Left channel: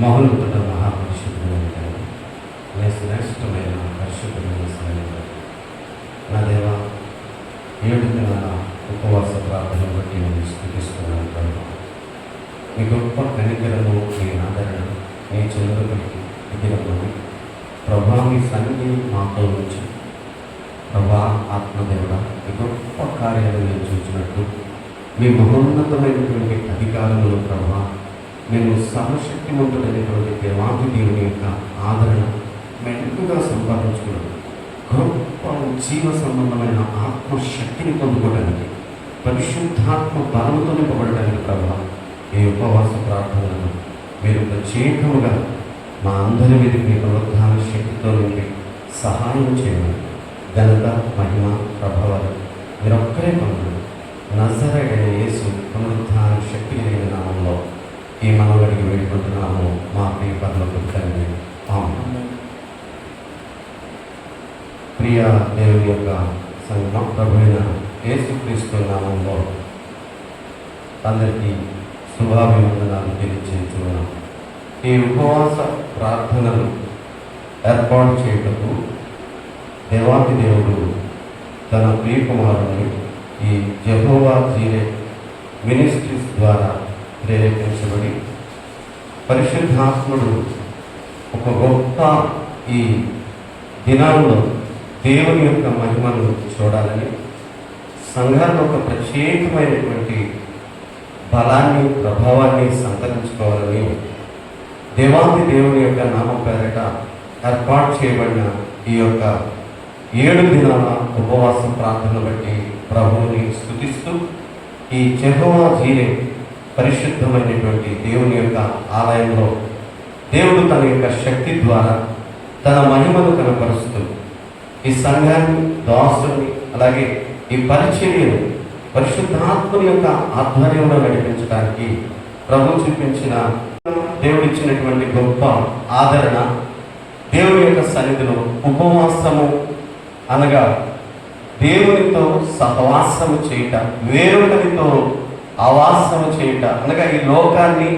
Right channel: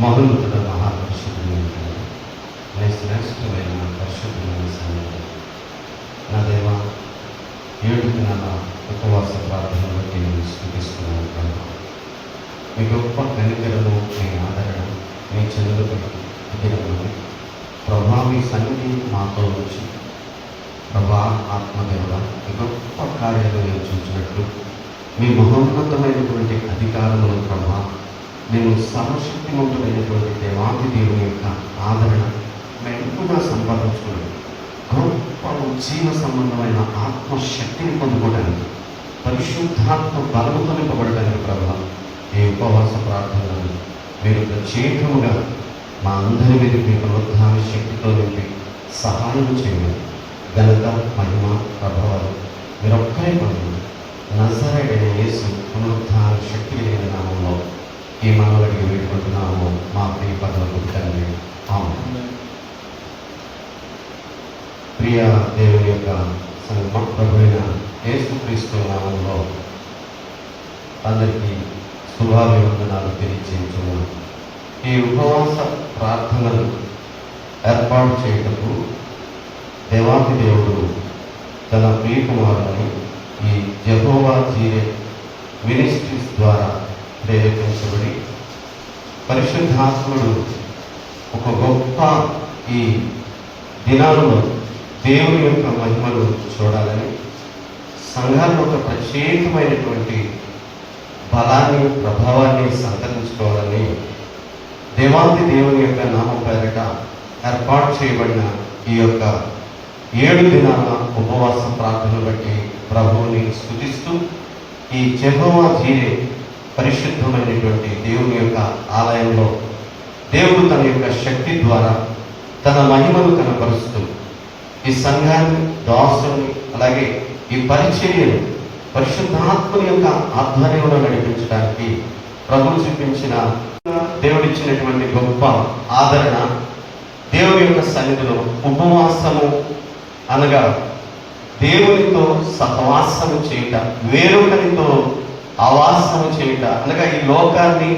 మహోన్నత మహాపరిశుద్ధమైన శ్రేష్టమైన పరిశుద్ధమైన సమయంలో నా దేవ 7 దినాల ఉపవాస ప్రార్థన బట్టి నేను స్థుతిస్తున్నాను కనుక మీ గొప్ప కనికరము, మీ ఆదరణ, మీ చెవులు పెట్టి దినము ప్రభా మీ సన్నిధి మాతో ఉంచి ప్రభా ఆత్మదేవుడ మీ గొప్ప కార్యాలు నేను చూసినట్లు మీ మహోన్నతమైనటువంటి అధికారములు ప్రభా మేము సర్వశక్తివంతుడైనటువంటి దేవాది దేవుని యొక్క ఆదరణ మెండుగా సంపాదించుకున్నాం. గొప్ప జీవ సంబంధమైన ఆత్మశక్తిని పొందుకోవడానికి, పరిశుద్ధాత్మ బలముతో నింపబడడానికి ప్రభావ ఈ ఉపవాస ప్రార్థనలను మీరు ప్రత్యేకముగా మా అందరి మీద మీ పునరుద్ధాన శక్తితో నింపి సహాయం చేయండి. ఘనత, మహిమ, ప్రభావాలు మీరొక్కరే పొందండి. నజరేయుడైన యేసు పునరుద్ధాన శక్తి కలిగిన నామంలో ఈ మనవడికి వేడుకుంటున్నాము మా ప్రియ పరలోక తండ్రి. ఆమేన్. ప్రియ దేవుని యొక్క సంగమ ప్రభువైన యేసుక్రీస్తు నామంలో అందరికీ శుభాభివందనాలు తెలియజేస్తున్నాను. ఈ ఉపవాస ప్రార్థనలు ఏర్పాటు చేయటకు దేవాది దేవుడు తన ప్రియకుమారుని ఈ యెహోవా జీరే మినిస్ట్రీస్ ద్వారా ప్రేరేపించబడి పరిశుద్ధాత్ముడు ఒక గొప్ప ఈ దినాల్లో దేవుని యొక్క మహిమను చూడాలని, సంఘాల్లో ఒక ప్రత్యేకమైనటువంటి బలాన్ని, ప్రభావాన్ని సంతరించుకోవాలని దేవాది దేవుని యొక్క నామం పేరిట ఏర్పాటు చేయబడిన ఈ యొక్క 7 దినాల ఉపవాస ప్రార్థన బట్టి ప్రభువుని స్తుతిస్తూ ఈ యెహోవా జీరే పరిశుద్ధమైనటువంటి దేవుని యొక్క ఆలయంలో దేవుడు తన యొక్క శక్తి ద్వారా తన మహిమను కనపరుస్తూ ఈ సంఘాన్ని, దాసుని, అలాగే ఈ పరిచర్యను పరిశుద్ధాత్మని యొక్క ఆధ్వర్యంలో నడిపించడానికి ప్రభు చూపించిన దేవుడిచ్చినటువంటి గొప్ప ఆదరణ, దేవుని యొక్క సన్నిధిలో ఉపవాసము అనగా దేవునితో సహవాసము చేయుట, వేరొకరితో ఆవాసము చేయుట అనగా ఈ లోకాన్ని,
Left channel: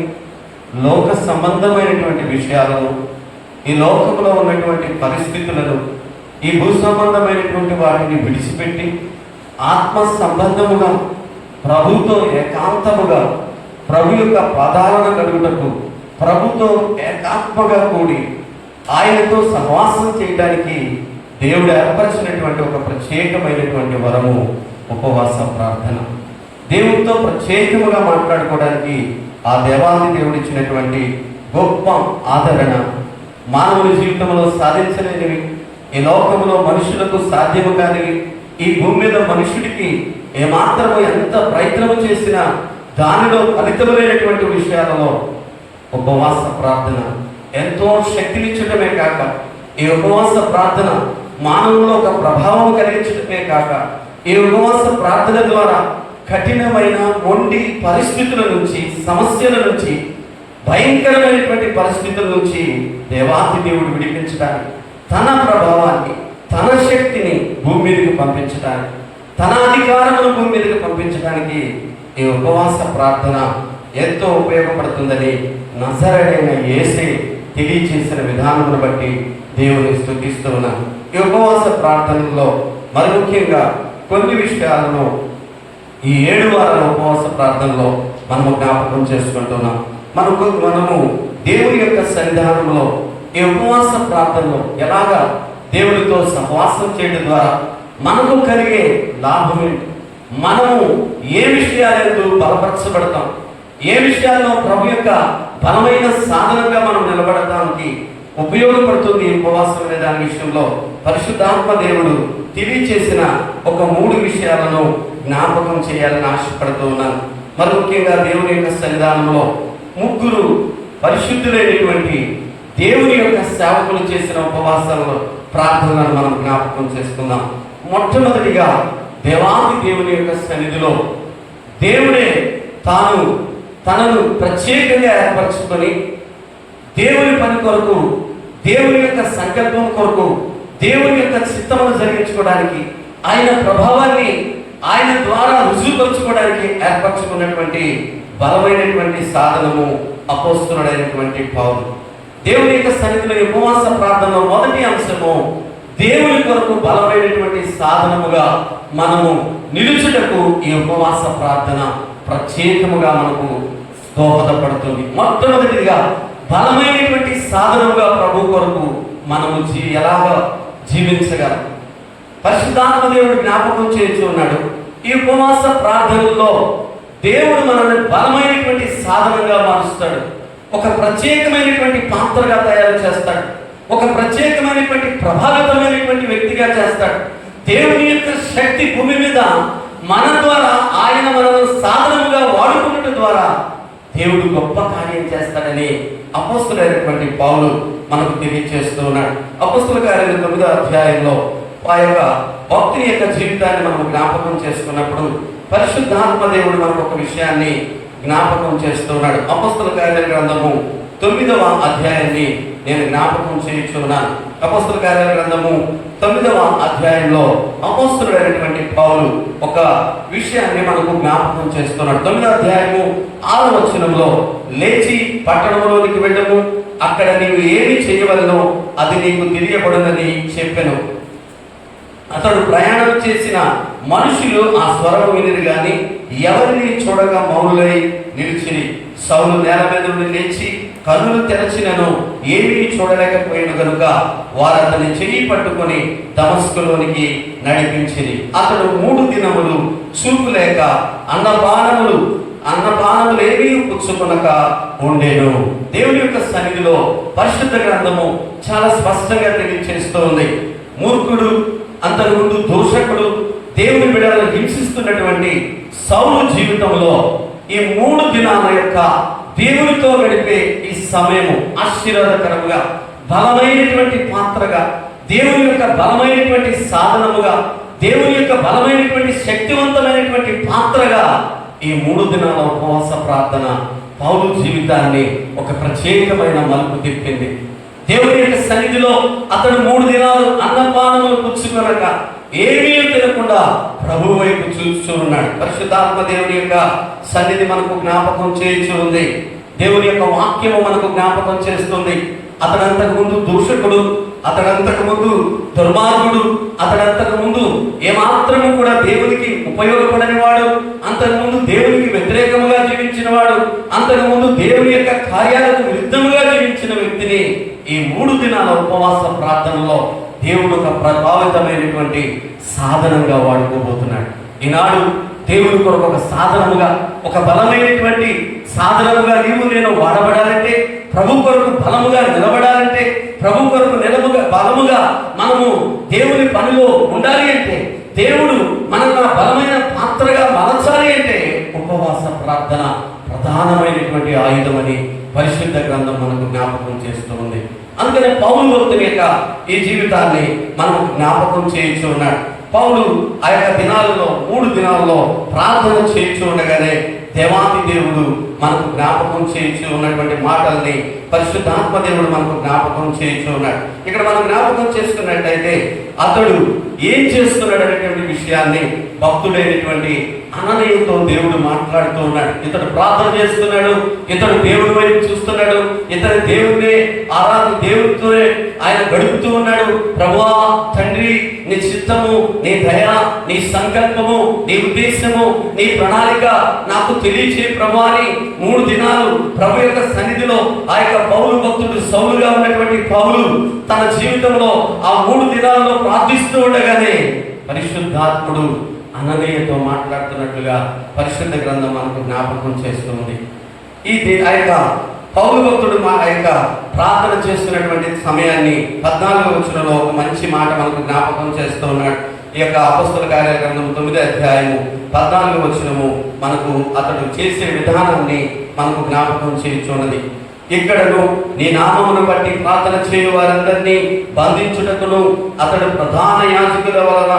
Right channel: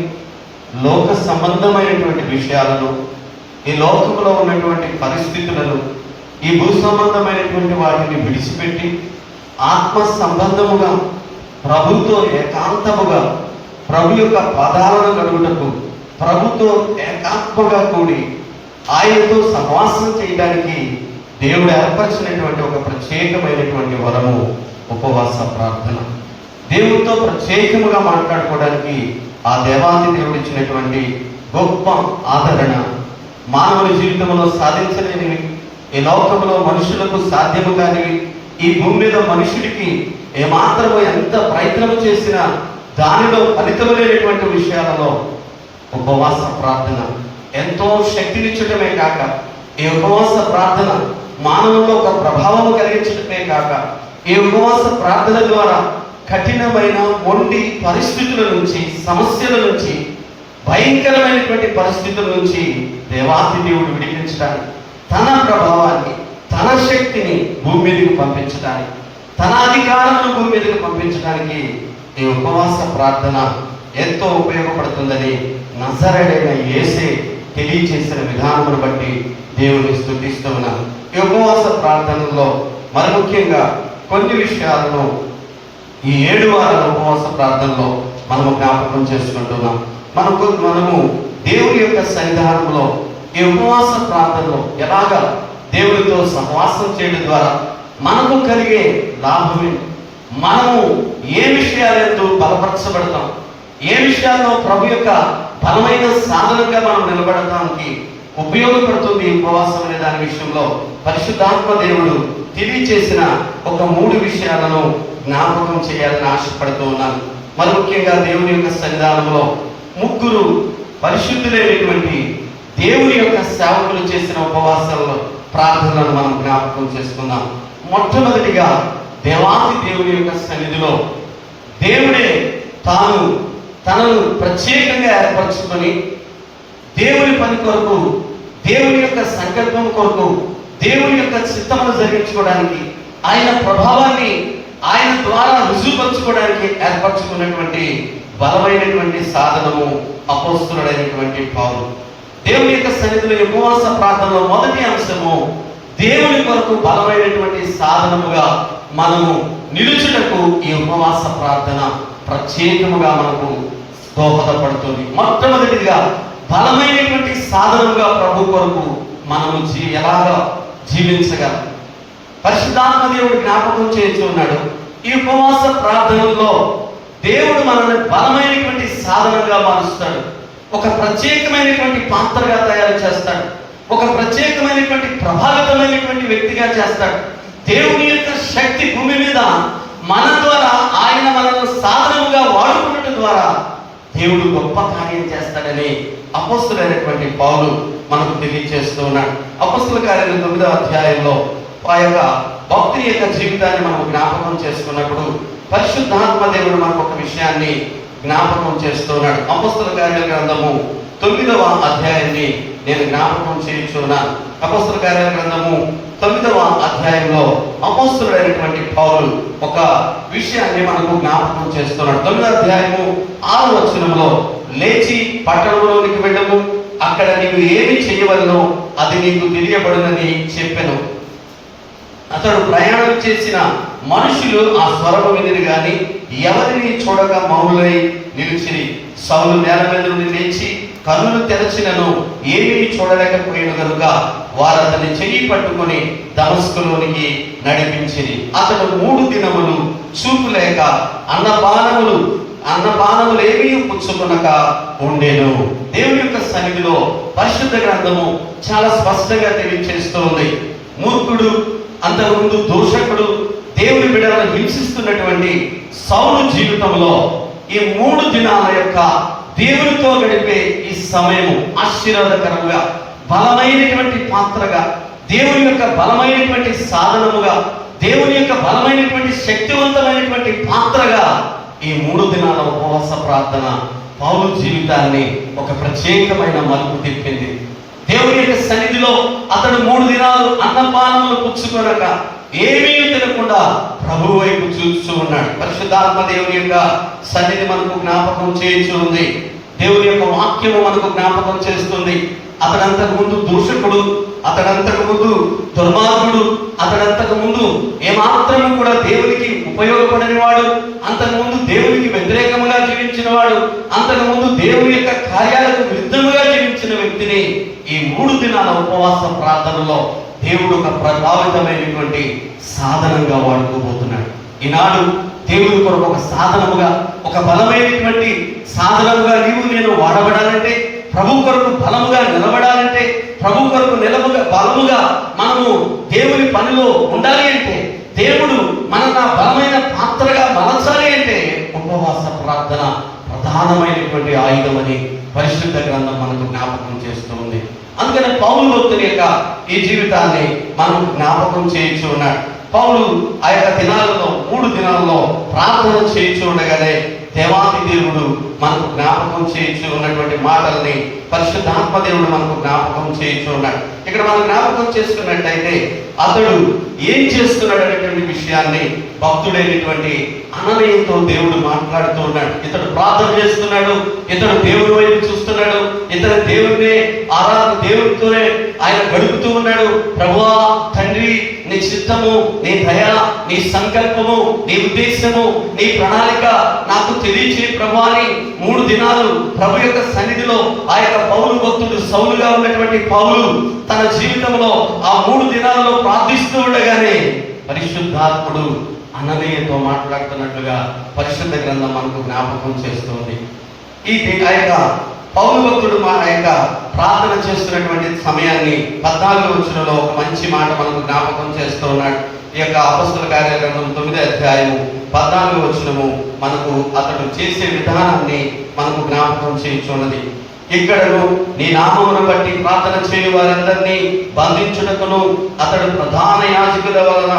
లోక సంబంధమైనటువంటి విషయాలను, ఈ లోకంలో ఉన్నటువంటి పరిస్థితులను, ఈ భూ సంబంధమైనటువంటి వాటిని విడిచిపెట్టి ఆత్మ సంబంధముగా ప్రభుతో ఏకాంతముగా ప్రభు యొక్క పదాలను కలుగుటకు ప్రభుతో ఏకాత్మగా కూడి ఆయనతో సహవాసం చేయడానికి దేవుడు ఏర్పరిచినటువంటి ఒక ప్రత్యేకమైనటువంటి వరము ఉపవాస ప్రార్థన. దేవుడితో ప్రత్యేకముగా మాట్లాడుకోవడానికి ఆ దేవాది దేవుడు ఇచ్చినటువంటి గొప్ప ఆదరణ, మానవుని జీవితంలో సాధించలేనివి, ఈ లోకంలో మనుషులకు సాధ్యము కానివి, ఈ భూమి మీద మనుషుడికి ఏమాత్రము ఎంత ప్రయత్నము చేసినా దానిలో ఫలితం లేనటువంటి విషయాలలో ఉపవాస ప్రార్థన ఎంతో శక్తినిచ్చటమే కాక, ఈ ఉపవాస ప్రార్థన మానవుల్లో ఒక ప్రభావం కలిగించటమే కాక, ఈ ఉపవాస ప్రార్థన ద్వారా కఠినమైన మొండి పరిస్థితుల నుంచి, సమస్యల నుంచి, భయంకరమైనటువంటి పరిస్థితుల నుంచి దేవాది దేవుడు విడిపించడానికి, తన ప్రభావాన్ని, తన శక్తిని భూమి మీదకి పంపించడానికి, తన అధికారమును భూమి మీదకి పంపించడానికి ఈ ఉపవాస ప్రార్థన ఎంతో ఉపయోగపడుతుందని నజరేయుడైన యేసే తెలియచేసిన విధానమును బట్టి దేవుని స్తుతిస్తూ ఉన్నాను. ఈ ఉపవాస ప్రార్థనలో మరి ముఖ్యంగా కొన్ని విషయాలను ఈ 7 వారాల ఉపవాస ప్రార్థనలో మనము జ్ఞాపకం చేసుకుంటున్నాం. మనము దేవుని యొక్క సన్నిధానంలో ఈ ఉపవాస ప్రార్థనలో ఎలాగా దేవుడితో సహవాసం చేయడం ద్వారా మనకు కలిగే లాభమే, మనము ఏ విషయాలతో బలపరచబడతాం, ఏ విషయాల్లో ప్రభు యొక్క బలమైన సాధనంగా మనం నిలబడటానికి ఉపయోగపడుతుంది ఈ ఉపవాసం అనే దాని విషయంలో పరిశుద్ధాత్మ దేవుడు తెలియచేసిన ఒక 3 విషయాలను జ్ఞాపకం చేయాలని ఆశపడుతూ ఉన్నాను. మరి ముఖ్యంగా దేవుని యొక్క సన్నిధానంలో 3 పరిశుద్ధులైనటువంటి దేవుని యొక్క సేవకులు చేసిన ఉపవాసాలలో ప్రార్థనలను మనం జ్ఞాపకం చేసుకుందాం. మొట్టమొదటిగా దేవాది దేవుని యొక్క సన్నిధిలో దేవుడే తనను ప్రత్యేకంగా ఏర్పరచుకొని దేవుని పని కొరకు, దేవుని యొక్క సంకల్పం కొరకు, దేవుని యొక్క చిత్తమును జరిగించుకోవడానికి, ఆయన ప్రభావాన్ని ఆయన ద్వారా రుజువుపరచుకోవడానికి ఏర్పరచుకున్నటువంటి బలమైనటువంటి సాధనము అపోస్తలుడైనటువంటి పౌలు. దేవుని యొక్క సన్నిధిలో ఉపవాస ప్రార్థనలో మొదటి అంశము దేవుని కొరకు బలమైనటువంటి సాధనముగా మనము నిలుచుటకు ఈ ఉపవాస ప్రార్థన ప్రత్యేకముగా మనకు దోహదపడుతుంది. మొట్టమొదటిగా బలమైనటువంటి సాధనముగా ప్రభు కొరకు మనము ఎలాగా జీవించగలం పరిశుద్ధాత్మ దేవుడు జ్ఞాపకం చేస్తూ ఉన్నాడు. ఈ ఉపవాస ప్రార్థనలో దేవుడు మనల్ని బలమైనటువంటి సాధనంగా మారుస్తాడు. ఒక ప్రత్యేకమైనటువంటి పాత్రగా తయారు చేస్తాడు. ఒక ప్రత్యేకమైనటువంటి ప్రభావితమైనటువంటి వ్యక్తిగా చేస్తాడు. దేవుని యొక్క శక్తి భూమి మీద మన ద్వారా ఆయన మనల్ని సాధనముగా వాడుకున్నట్టు ద్వారా దేవుడు గొప్ప కార్యం చేస్తాడని అపోస్తలుడైనటువంటి పౌలు మనకు తెలియజేస్తూ ఉన్నాడు. అపోస్తల కార్యాలు 9వ అధ్యాయంలో ఆ యొక్క భక్తుని యొక్క జీవితాన్ని మనం జ్ఞాపకం చేసుకున్నప్పుడు పరిశుద్ధాత్మ దేవుడు మనకు ఒక విషయాన్ని జ్ఞాపకం చేస్తూ ఉన్నాడు. అపోస్తల కార్యాల గ్రంథము 9వ అధ్యాయాన్ని నేను జ్ఞాపకం చేయించున్నాను. అపోస్తల కార్యాల గ్రంథము 9వ అధ్యాయంలో అపోస్తలుడైనటువంటి పౌలు ఒక విషయాన్ని మనకు జ్ఞాపకం చేస్తున్నాడు. 9వ అధ్యాయము 6వ వచనంలో, లేచి పట్టణంలోనికి వెళ్ళము, అక్కడ నీవు ఏమి చేయవలనో అది నీకు తెలియబడునని చెప్పెను. అతడు ప్రయాణం చేసిన మనుషులు ఆ స్వరము వినిరు గాని ఎవరిని చూడక మౌనులై నిలిచిరి. సౌలు నేల మీద నుండి లేచి కన్నులు తెరచినను ఏమీ చూడలేకపోయిన కనుక వారు అతని చెయ్యి పట్టుకొని దమస్కులోనికి నడిపించిరి. అతడు 3 దినములు చూపు లేక అన్నపానములు ఏమీ పుచ్చుకొనక ఉండేను. దేవుని యొక్క సన్నిధిలో పరిశుద్ధ గ్రంథము చాలా స్పష్టంగా తెలియజేస్తోంది. మూర్ఖుడు, అంతకుముందు దూషకుడు, దేవుని బిడ్డలను హింసిస్తున్నటువంటి సౌలు జీవితంలో ఈ 3 దినాల యొక్క దేవునితో గడిపే ఈ సమయము ఆశీర్వాదకరంగా, బలమైనటువంటి పాత్రగా, దేవుని యొక్క బలమైనటువంటి సాధనముగా, దేవుని యొక్క బలమైనటువంటి శక్తివంతమైనటువంటి పాత్రగా ఈ 3 దినాల ఉపవాస ప్రార్థన పౌలు జీవితాన్ని ఒక ప్రత్యేకమైన మలుపు తిప్పింది. దేవుని యొక్క సన్నిధిలో అతడు 3 దినాలు అన్నపానములు పుచ్చుకొనక ఏమీ తినకుండా ప్రభు వైపు చూస్తూ ఉన్నాడు. పరిశుద్ధాత్మ దేవుని యొక్క సన్నిధి మనకు జ్ఞాపకం చేయించు ఉంది. దేవుని యొక్క వాక్యము మనకు జ్ఞాపకం చేస్తుంది. అతడంతకు ముందు దూషకుడు, అతడంతకు ముందు దుర్మార్గుడు, అతడంతకు ముందు ఏమాత్రము కూడా దేవునికి ఉపయోగపడని వాడు, అంతకుముందు దేవునికి వ్యతిరేకంగా జీవించిన వాడు, అంతకుముందు దేవుని యొక్క కార్యాలకు విరుద్ధముగా జీవించిన వ్యక్తిని ఈ 3 దినాల ఉపవాస ప్రార్థనలో దేవుడు ఒక ప్రభావితమైనటువంటి సాధనంగా వాడుకోబోతున్నాడు. ఈనాడు దేవుని కొరకు ఒక సాధనముగా, ఒక బలమైనటువంటి సాధనముగా నీవు నేను వాడబడాలంటే, ప్రభు కొరకు బలముగా నిలబడాలంటే, ప్రభు కొరకు బలముగా మనము దేవుని పనిలో ఉండాలి అంటే, దేవుడు మనల్ని బలమైన పాత్రగా మలచాలి అంటే ఉపవాస ప్రార్థన ప్రధానమైనటువంటి ఆయుధమని పరిశుద్ధ గ్రంథం మనకు జ్ఞాపకం చేస్తూ ఉంది. అందుకని పౌలు భక్తుని యొక్క ఈ జీవితాన్ని మనం జ్ఞాపకం చేయించు ఉన్నాడు. పౌలు ఆ యొక్క దినాలలో 3 దినాల్లో ప్రార్థన చేయించు ఉండగానే దేవాది దేవుడు మనకు జ్ఞాపకం చేయించు ఉన్నటువంటి మాటల్ని పరిశుద్ధాత్మ దేవుడు మనకు జ్ఞాపకం చేయించు ఉన్నాడు. ఇక్కడ మనం జ్ఞాపకం చేసుకున్నట్టయితే అతడు ఏం చేస్తున్నాడు అనేటువంటి విషయాన్ని భక్తుడైనటువంటి అననీయంతో దేవుడు మాట్లాడుతూ ఉన్నాడు. ఇతడు ప్రార్థన చేస్తున్నాడు, ఇతడు దేవుడి వైపు చూస్తున్నాడు, ఇతడు దేవుడినే దేవుడితోనే ఆయన గడుపుతూ ఉన్నాడు. ప్రభువా, తండ్రి, నీ చిత్తము, నీ దయ, నీ సంకల్పము, నీ ఉద్దేశము, నీ ప్రణాళిక నాకు తెలియచే ప్రభు అని 3 దినాలు ప్రభు యొక్క సన్నిధిలో ఆ యొక్క పౌలు భక్తుడు, సౌలుగా ఉన్నటువంటి పౌలు తన జీవితంలో ఆ 3 దినాలలో ప్రార్థిస్తూ ఉండగానే పరిశుద్ధాత్ముడు అననీయతో మాట్లాడుతున్నట్లుగా పరిశుద్ధ గ్రంథం మనకు జ్ఞాపకం చేస్తుంది. ఆ యొక్క పౌలు భక్తుడు ఆ యొక్క ప్రార్థన చేస్తున్నటువంటి సమయాన్ని 14వ వచనంలో ఒక మంచి మాట మనకు జ్ఞాపకం చేస్తూ ఉన్నాడు. ఈ యొక్క అపోస్తల కార్యాల గ్రంథం 9వ అధ్యాయము 14వ వచనము మనకు అతడు చేసే విధానాన్ని మనకు జ్ఞాపకం చేయించున్నది. ఇక్కడను నీ నామమును బట్టి ప్రార్థన చేయు వారందరినీ బంధించుటకును అతడు ప్రధాన యాజకుల వలన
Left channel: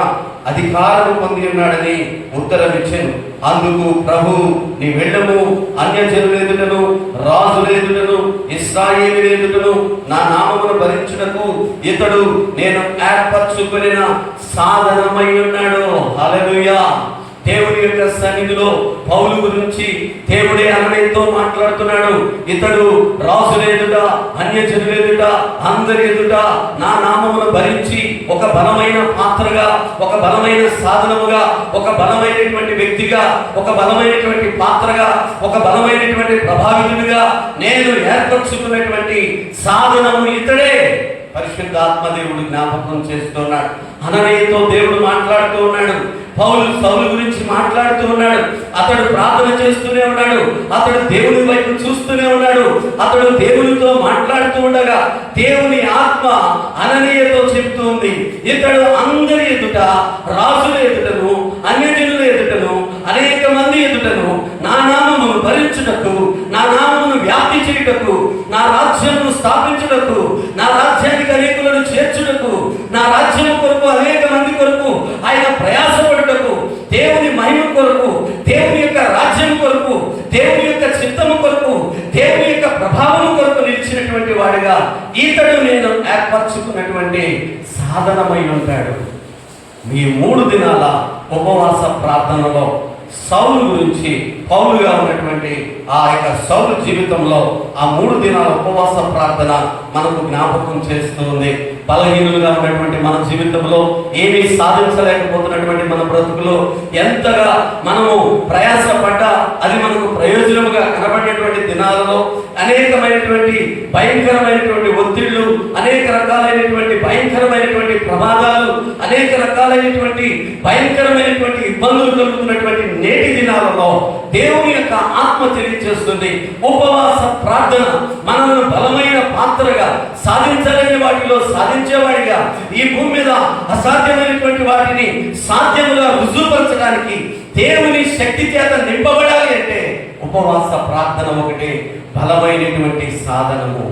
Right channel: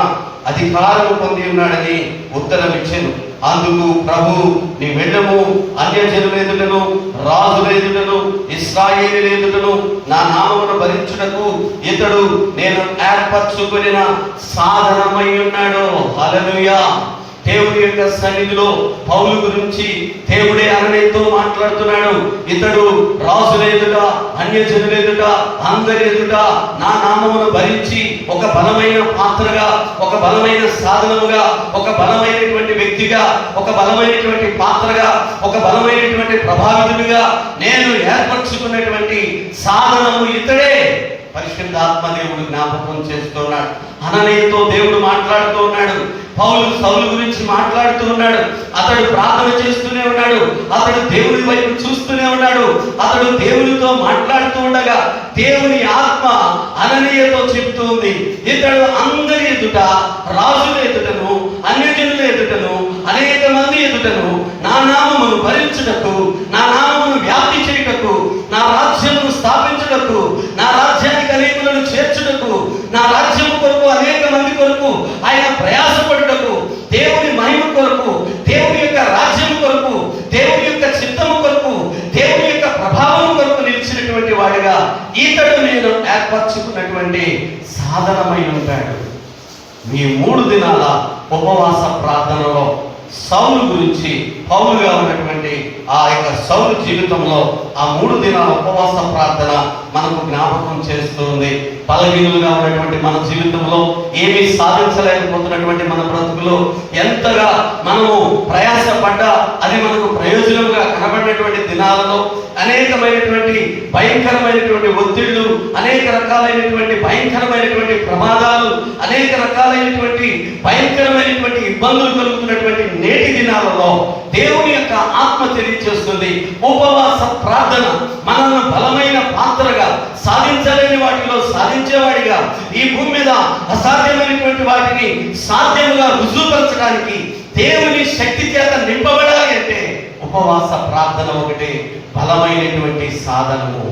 అధికారము పొంది ఉన్నాడని ఉత్తరం ఇచ్చాను. అందుకు ప్రభు, నీ వెళ్ళము, అన్యజనుల ఎదుటను, రాజుల ఎదుటను, ఇశ్రాయేలు ఎదుటను నా నామమును భరించుటకు ఇతడు నేను ఏర్పరచుకొనిన సాధనమై ఉన్నాడు. హల్లెలూయా. దేవుని యొక్క సన్నిధిలో పౌలు గురించి దేవుడే అననీయతో మాట్లాడుతున్నాడు. ఇతడు రాజుల ఎదుట, అన్యజనుల ఎదుట, అందరి ఎదుట నా నామమును భరించి ఒక బలమైన పాత్రగా, ఒక బలమైన సాధనముగా, ఒక బలమైనటువంటి వ్యక్తిగా, ఒక బలమైనటువంటి పాత్రగా, ఒక బలమైనటువంటి ప్రభావితుడిగా నేను ఏర్పరచుకున్నటువంటి సాధనము ఇతడే. పరిశుద్ధాత్మ దేవుడు జ్ఞాపకం చేస్తున్నాడు. అననీయతో దేవుడు మాట్లాడుతూ ఉన్నాడు. పౌలు సౌలు గురించి మాట్లాడుతూ ఉన్నాడు. అతడు ప్రార్థన చేస్తూనే ఉన్నాడు. అతడు దేవుని వైపు చూస్తూనే ఉన్నాడు. అతడు దేవునితో మాట్లాడుతూ ఉండగా దేవుని ఆత్మ అననీయతో చెప్తూ ఉంది, ఇతడు అందరి ఎదుట, రాజుల ఎదుటను, అన్యజనుల ఎదుటను, అనేక మంది ఎదుటను నా నామమును భరించుటకు, నా నామమును వ్యాప్తి చేయుటకు, నా రాజ్యమును స్థాపించుటకు, నా రాజ్యానికి అనేకులను చేర్చుటకు, నా రాజ్యము కొరకు అనేక మంది కొరకు ఆయన ప్రయాసపడుటకు, దేవుని మహిమ కొరకు, దేవుని యొక్క రాజ్యం కొరకు, దేవుని యొక్క చిత్తము కొరకు, దేవుని యొక్క ప్రభావం కొరకు నిలిచినటువంటి వాడిగా ఇతడు నేను ఏర్పరచుకున్నటువంటి సాధనమై ఉంటాడు. ఈ 3 దినాల ఉపవాస ప్రార్థనలో సౌలు గురించి, పౌలుగా ఉన్నటువంటి ఆ యొక్క సౌలు జీవితంలో ఆ 3 దినాల ఉపవాస ప్రార్థన మనకు జ్ఞాపకం చేస్తుంది. బలహీనులుగా ఉన్నటువంటి మన జీవితంలో ఏమీ సాధించలేకపోతున్నటువంటి మన బ్రతుకులో ఎంతగా మనము ప్రయాసపడ్డా అది మనకు ప్రయోజనంగా కనబడినటువంటి దినాలలో అనేకమైనటువంటి భయంకరమైనటువంటి ఒత్తిళ్లు, అనేక రకాలైనటువంటి భయంకరమైనటువంటి ప్రమాదాలు, అనేక రకాలైనటువంటి భయంకరమైనటువంటి ఇబ్బందులు కలుగుతున్నటువంటి నేటి దినాలలో దేవుని యొక్క ఆత్మ తెలియజేస్తుంది. ఉపవాస ప్రార్థన మనల్ని బలమైన పాత్రగా, సాధించలేని వాటిలో సాధించేవాడిగా, ఈ భూమి మీద అసాధ్యమైనటువంటి వాటిని సాధ్యముగా రుజువుపరచడానికి, దేవుని శక్తి చేత నింపబడాలి అంటే ఉపవాస ప్రార్థన ఒకటి బలమైనటువంటి సాధనము.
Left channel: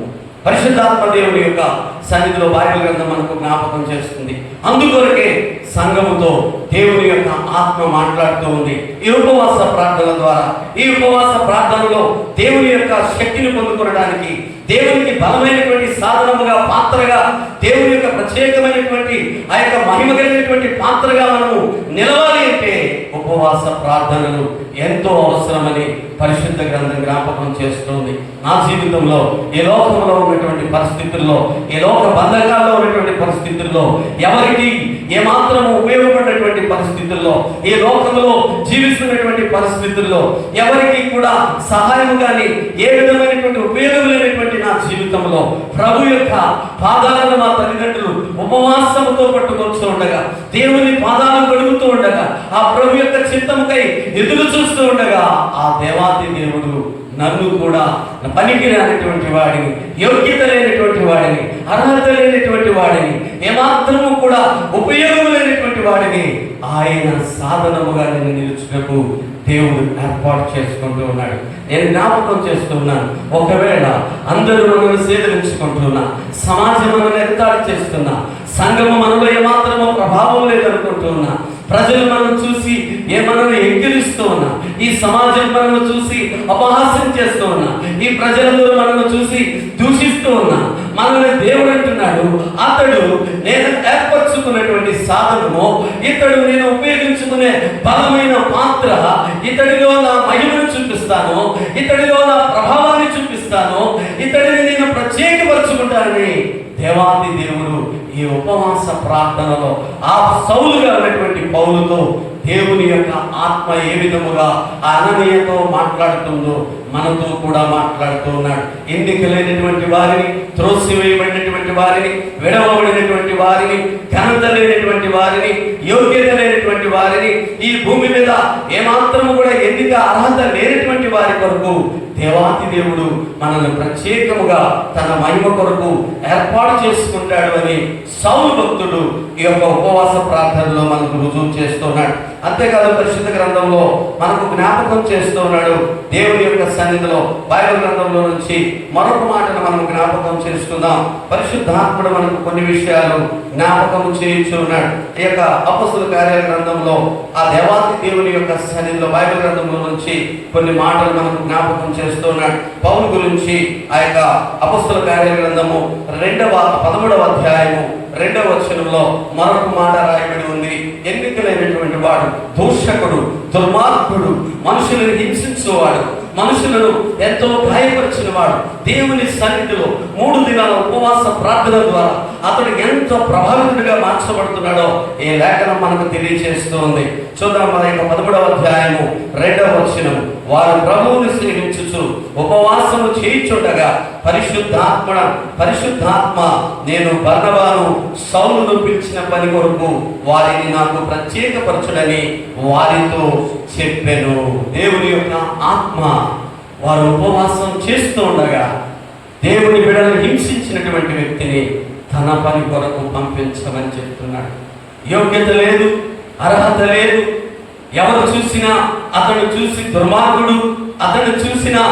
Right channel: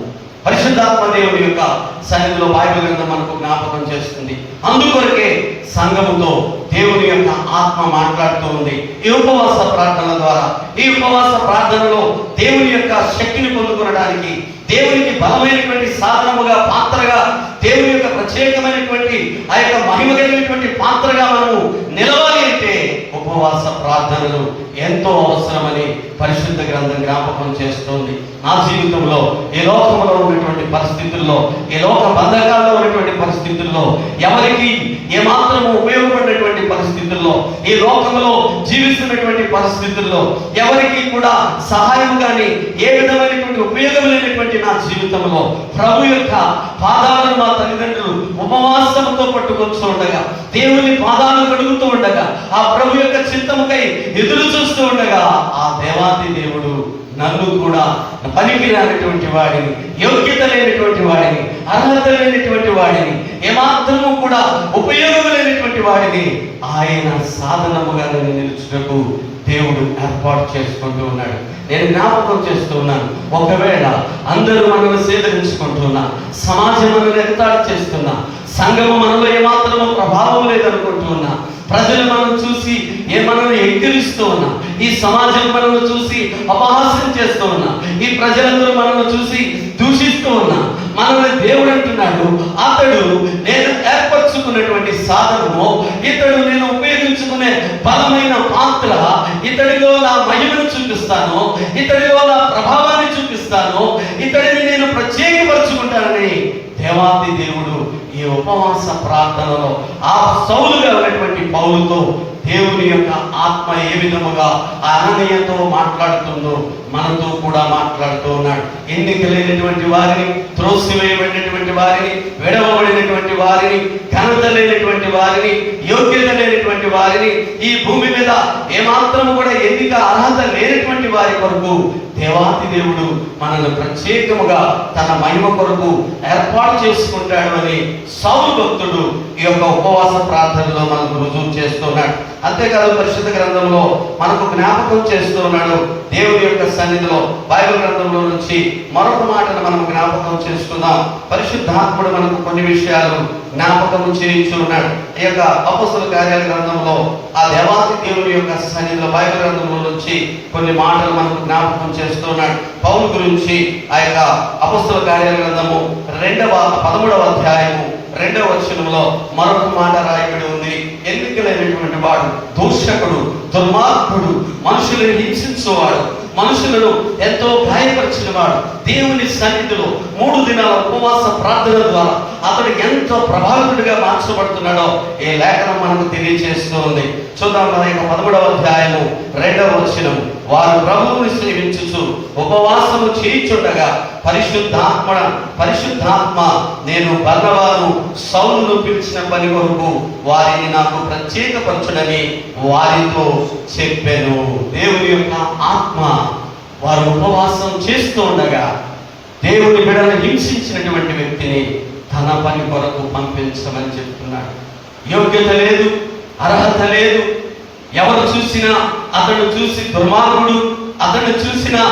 పరిశుద్ధాత్మ దేవుని యొక్క సన్నిధిలో బైబిల్ గ్రంథం మనకు జ్ఞాపకం చేస్తుంది. అందుకొరకే సంఘముతో దేవుని యొక్క ఆత్మ మాట్లాడుతూ ఉంది ఈ ఉపవాస ప్రార్థనల ద్వారా. ఈ ఉపవాస ప్రార్థనలో దేవుని యొక్క శక్తిని పొందుకోవడానికి, దేవునికి బలమైనటువంటి సాధనముగా, పాత్రగా, దేవుని యొక్క ప్రత్యేకమైనటువంటి ఆ యొక్క మహిమ కలిగినటువంటి పాత్రగా మనము నిలవాలి అంటే ఉపవాస ప్రార్థనలు ఎంతో అవసరమని పరిశుద్ధ గ్రంథం జ్ఞాపకం చేస్తుంది. నా జీవితంలో ఈ లోకంలో ఉన్నటువంటి పరిస్థితుల్లో, ఈ లోక బంధకాల్లో ఉన్నటువంటి పరిస్థితుల్లో, ఎవరికి ఏమాత్రము ఉపయోగపడినటువంటి పరిస్థితుల్లో, ఈ లోకంలో జీవిస్తున్నటువంటి పరిస్థితుల్లో ఎవరికి కూడా సహాయం కానీ ఏ విధమైనటువంటి ఉపయోగం లేనటువంటి నా జీవితంలో ప్రభు యొక్క పాదాలను మా తల్లిదండ్రులు ఉపవాసముతో పట్టుకొస్తూ ఉండగా, దేవుని పాదాలు కడుగుతూ ఉండగా, ఆ ప్రభు యొక్క చిత్తముకై ఎదురు చూస్తూ ఉండగా ఆ దేవాది దేవుడు నన్ను కూడా పనికిరానటువంటి వాడిని, యోగ్యత లేనటువంటి వాడిని, అర్హత లేనటువంటి వాడిని, ఏమాత్రము కూడా ఉపయోగం లేనటువంటి వాడిని ఆయన సాధనముగా నేను నిలుచుటకు దేవుడు ఏర్పాటు చేసుకుంటూ ఉన్నాడు. నేను జ్ఞాపకం చేస్తున్నాను, ఒకవేళ అందరూ మనల్ని సేదరించుకుంటున్నా, సమాజం మనల్ని ఎగతాళి చేస్తున్నా, సంఘము మనలో ఏమాత్రమో ప్రభావం లేదనుకుంటున్నా, ప్రజలు మనం చూసి మనల్ని ఎక్కిరిస్తూ ఉన్నా, ఈ సమాజం మనల్ని చూసి అపహాస్యం చేస్తూ ఉన్నా, ఈ ప్రజలందరూ మనల్ని చూసి దూషిస్తూ ఉన్నా, మనల్ని దేవుడు అంటున్నాడు, అతడు నేను ఏర్పరచుకున్నటువంటి సాధనము, ఇతడు నేను ఉపయోగించుకునే బలమైన పాత్ర, ఇతడిలో నా మహిమను చూపిస్తాను, ఇతడిలో నా ప్రభావాన్ని చూపిస్తాను, ఇతడిని నేను ప్రత్యేకపరచుకుంటానని దేవాది దేవుడు ఈ ఉపవాస ప్రార్థనలో ఆ సౌలుగా ఉన్నటువంటి పౌలుతో దేవుని యొక్క ఆత్మ ఏ విధముగా అననీయతో మాట్లాడుతుందో మనతో కూడా మాట్లాడుతూ ఉన్నాడు. ఎన్నిక లేనటువంటి వారిని, త్రోసివేయబడినటువంటి వారిని, విడవబడినటువంటి వారిని, ఘనత లేనటువంటి వారిని, యోగ్యత లేనటువంటి వారిని, ఈ భూమి మీద ఏమాత్రము కూడా ఎన్నిక అర్హత లేనటువంటి వారి కొరకు దేవాది దేవుడు మనల్ని ప్రత్యేకముగా తన మహిమ కొరకు ఏర్పాటు చేసుకుంటాడు అని సౌలు భక్తుడు ఈ యొక్క ఉపవాస ప్రార్థనలో మనకు రుజువు చేస్తున్నాడు. అంతేకాదు పరిశుద్ధ గ్రంథంలో మనకు జ్ఞాపకం చేస్తూ ఉన్నాడు. దేవుని యొక్క సన్నిధిలో బైబిల్ గ్రంథంలో నుంచి మరొక మాటను మనం జ్ఞాపకం చేసుకుందాం. పరిశుద్ధాత్ముడు మనకు కొన్ని విషయాలు జ్ఞాపకం చేయించున్నాడు. ఈ యొక్క అపొస్తలుల కార్యాల గ్రంథంలో ఆ దేవాది దేవుని యొక్క సన్నిధిలో బైబిల్ గ్రంథంలో నుంచి కొన్ని మాటలు మనకు జ్ఞాపకం చేస్తున్నాడు. పౌలు గురించి ఆ యొక్క అపొస్తలుల కార్యాల గ్రంథము 13వ అధ్యాయము 2వ వచనంలో మరొక మాట రాయబడి ఉంది. ఎన్నికలైనటువంటి వాడు, దూషకుడు, దుర్మార్గుడు, మనుషులను హింసించేవాడు, మనుషులను ఎంతో గాయపరిచిన వాడు దేవుని సన్నిధిలో 3 దినాల ఉపవాస ప్రార్థన ద్వారా అతడు ఎంత ప్రభావితుడిగా మార్చబడుతున్నాడో ఈ లేఖనం మనకు తెలియజేస్తుంది. చూద్దాం, మన యొక్క 13వ అధ్యాయము 2వ వచనం. వారు ప్రభువుని సేవించుచు ఉపవాసము చేయుచుండగా పరిశుద్ధాత్మ నేను బర్నబాను సౌలును పిలిచిన పని కొరకు వారిని నాకు ప్రత్యేకపరచుడని వారితో చెప్పాను. దేవుని యొక్క ఆత్మ వారు ఉపవాసం చేస్తూ ఉండగా దేవుని బిడ్డను హింసించినటువంటి వ్యక్తిని తన పని కొరకు పంపించమని చెప్తున్నాడు. యోగ్యత లేదు, అర్హత లేదు. ఎవరు చూసినా అతను చూసి దుర్మార్గుడు, అతను చూసినా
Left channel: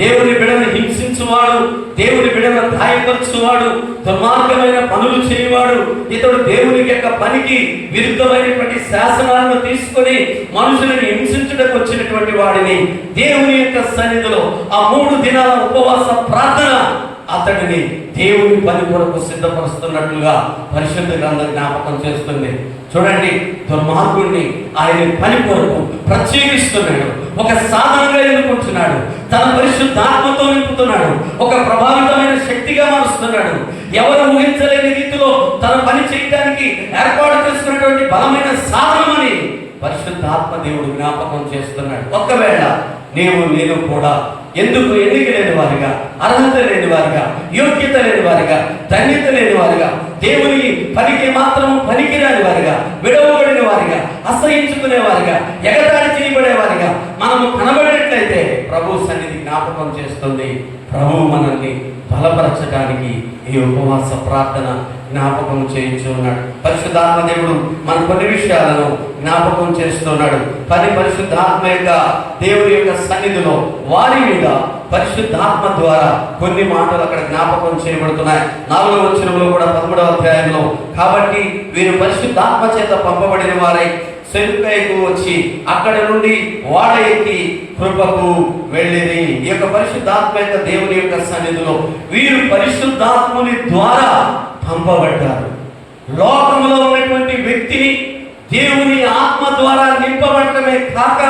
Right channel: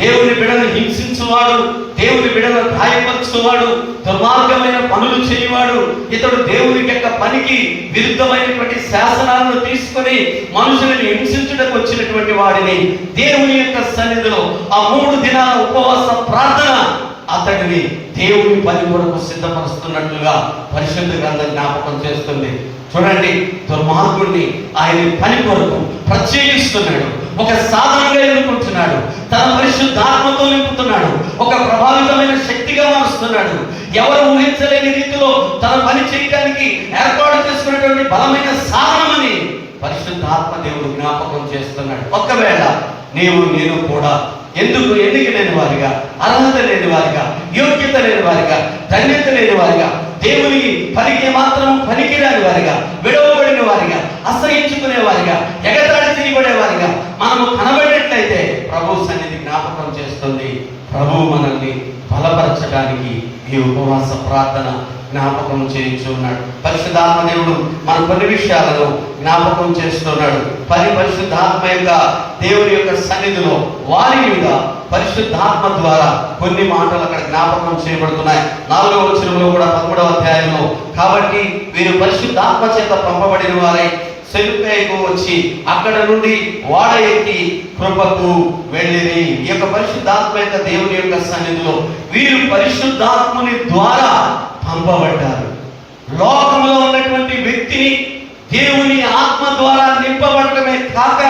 దేవుని బిడ్డను హింసించువాడు, దేవుని బిడ్డను గాయపరచువాడు, దుర్మార్గమైన పనులు చేయవాడు, ఇతడు దేవుని యొక్క పనికి విరుద్ధమైనటువంటి శాసనాలను తీసుకొని మనుషులను హింసించడానికి వచ్చినటువంటి వాడిని దేవుని యొక్క సన్నిధిలో ఆ 3 దినాల ఉపవాస ప్రార్థన అతడిని దేవుని పని కొరకు సిద్ధపరుస్తున్నట్లుగా పరిశుద్ధ గ్రంథం జ్ఞాపకం చేస్తుంది. చూడండి, దుర్మార్గుడిని ఆయన పని కొరకు ప్రత్యేకిస్తున్నాడు, ఒక సాధనంగా ఎన్నుకుంటున్నాడు, తన పరిశుద్ధాత్మతో నింపుతున్నాడు, ఒక ప్రభావితమైన శక్తిగా మారుస్తున్నాడు. ఎవరు ఊహించలేని రీతిలో తన పని చేయడానికి ఏర్పాటు చేసుకున్నటువంటి బలమైన సాధనమని పరిశుద్ధాత్మ దేవుడు జ్ఞాపకం చేస్తున్నాడు. ఒకవేళ నేను కూడా ఎందుకు ఎన్నిక లేని వారిగా, అర్హత లేని వారిగా, యోగ్యత లేని వారిగా, ధన్యత లేని వారిగా, దేవుని పనికి మాత్రం పనికిరాని వారిగా, విడవబడిన వారిగా, అసహించుకునే వారిగా, ఎగతాళి చేయబడే వారిగా మనము కనబడినట్లయితే ప్రభు సన్నిధి జ్ఞాపకం చేస్తుంది. ప్రభు మనల్ని బలపరచడానికి ఈ ఉపవాస ప్రార్థన జ్ఞాపకం చేయించున్నాడు. పరిశుద్ధాత్మ దేవుడు మన కొన్ని విషయాలను జ్ఞాపకం చేస్తున్నాడు. పరిశుద్ధాత్మ యొక్క దేవుని యొక్క సన్నిధిలో వారి మీద పరిశుద్ధాత్మ ద్వారా కొన్ని మాటలు అక్కడ జ్ఞాపకం చేయబడుతున్నాయి. 4వ వచనంలో కూడా 13వ అధ్యాయంలో, కాబట్టి వీరు పరిశుద్ధాత్మ చేత పంపబడిన వారై సెలుకైకు వచ్చి అక్కడ నుండి వాడ ఎక్కి కృపకు వెళ్ళిరి. ఈ యొక్క పరిశుద్ధాత్మ యొక్క దేవుని యొక్క సన్నిధిలో వీరు పరిశుద్ధాత్ముని ద్వారా పంపబడ్డారు. లోకంలో ఉన్నటువంటి వ్యక్తిని దేవుని ఆత్మ ద్వారా నింపబడటమే కాక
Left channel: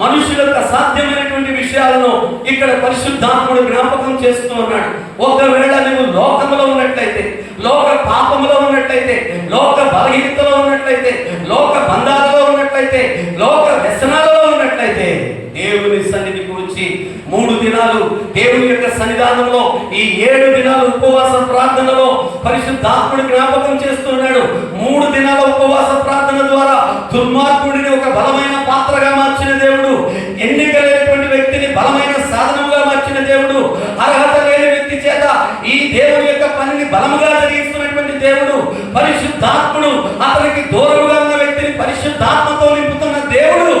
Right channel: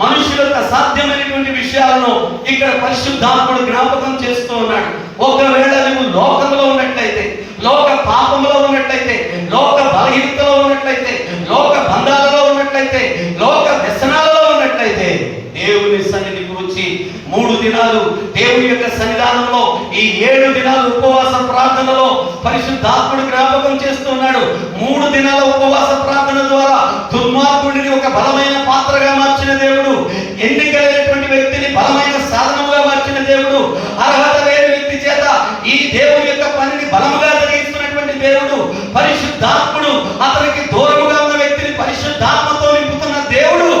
మనుషులకు అసాధ్యమైనటువంటి విషయాలను ఇక్కడ పరిశుద్ధాత్ముడు జ్ఞాపకం చేస్తూ ఉన్నాడు. ఒకవేళ నువ్వు లోకంలో ఉన్నట్లయితే, లోక పాపంలో ఉన్నట్లయితే, లోక బలహీనతలో ఉన్నట్లయితే, లోక బంధాలలో ఉన్నట్లయితే, లోక వ్యసనాలలో ఉన్నట్లయితే దేవుని సన్నిధికి వచ్చి 3 దినాలు దేవుని యొక్క సన్నిధానంలో ఈ 7 దినాలు ఉపవాస ప్రార్థనలో పరిశుద్ధాత్ముడు జ్ఞాపకం చేస్తున్నాడు. 3 దినాల ఉపవాస ప్రార్థన ద్వారా దుర్మార్గుడిని ఒక బలమైన పాత్రగా మార్చిన దేవుడు, ఎన్నికైనటువంటి వ్యక్తిని బలమైన సాధనంగా మార్చిన దేవుడు, అర్హత లేని వ్యక్తి చేత ఈ దేవుని యొక్క పనిని బలముగా జరిగిస్తున్నటువంటి దేవుడు, పరిశుద్ధాత్ముడు అతనికి దూరముగా ఉన్న వ్యక్తిని పరిశుద్ధాత్మతో నింపుతున్న దేవుడు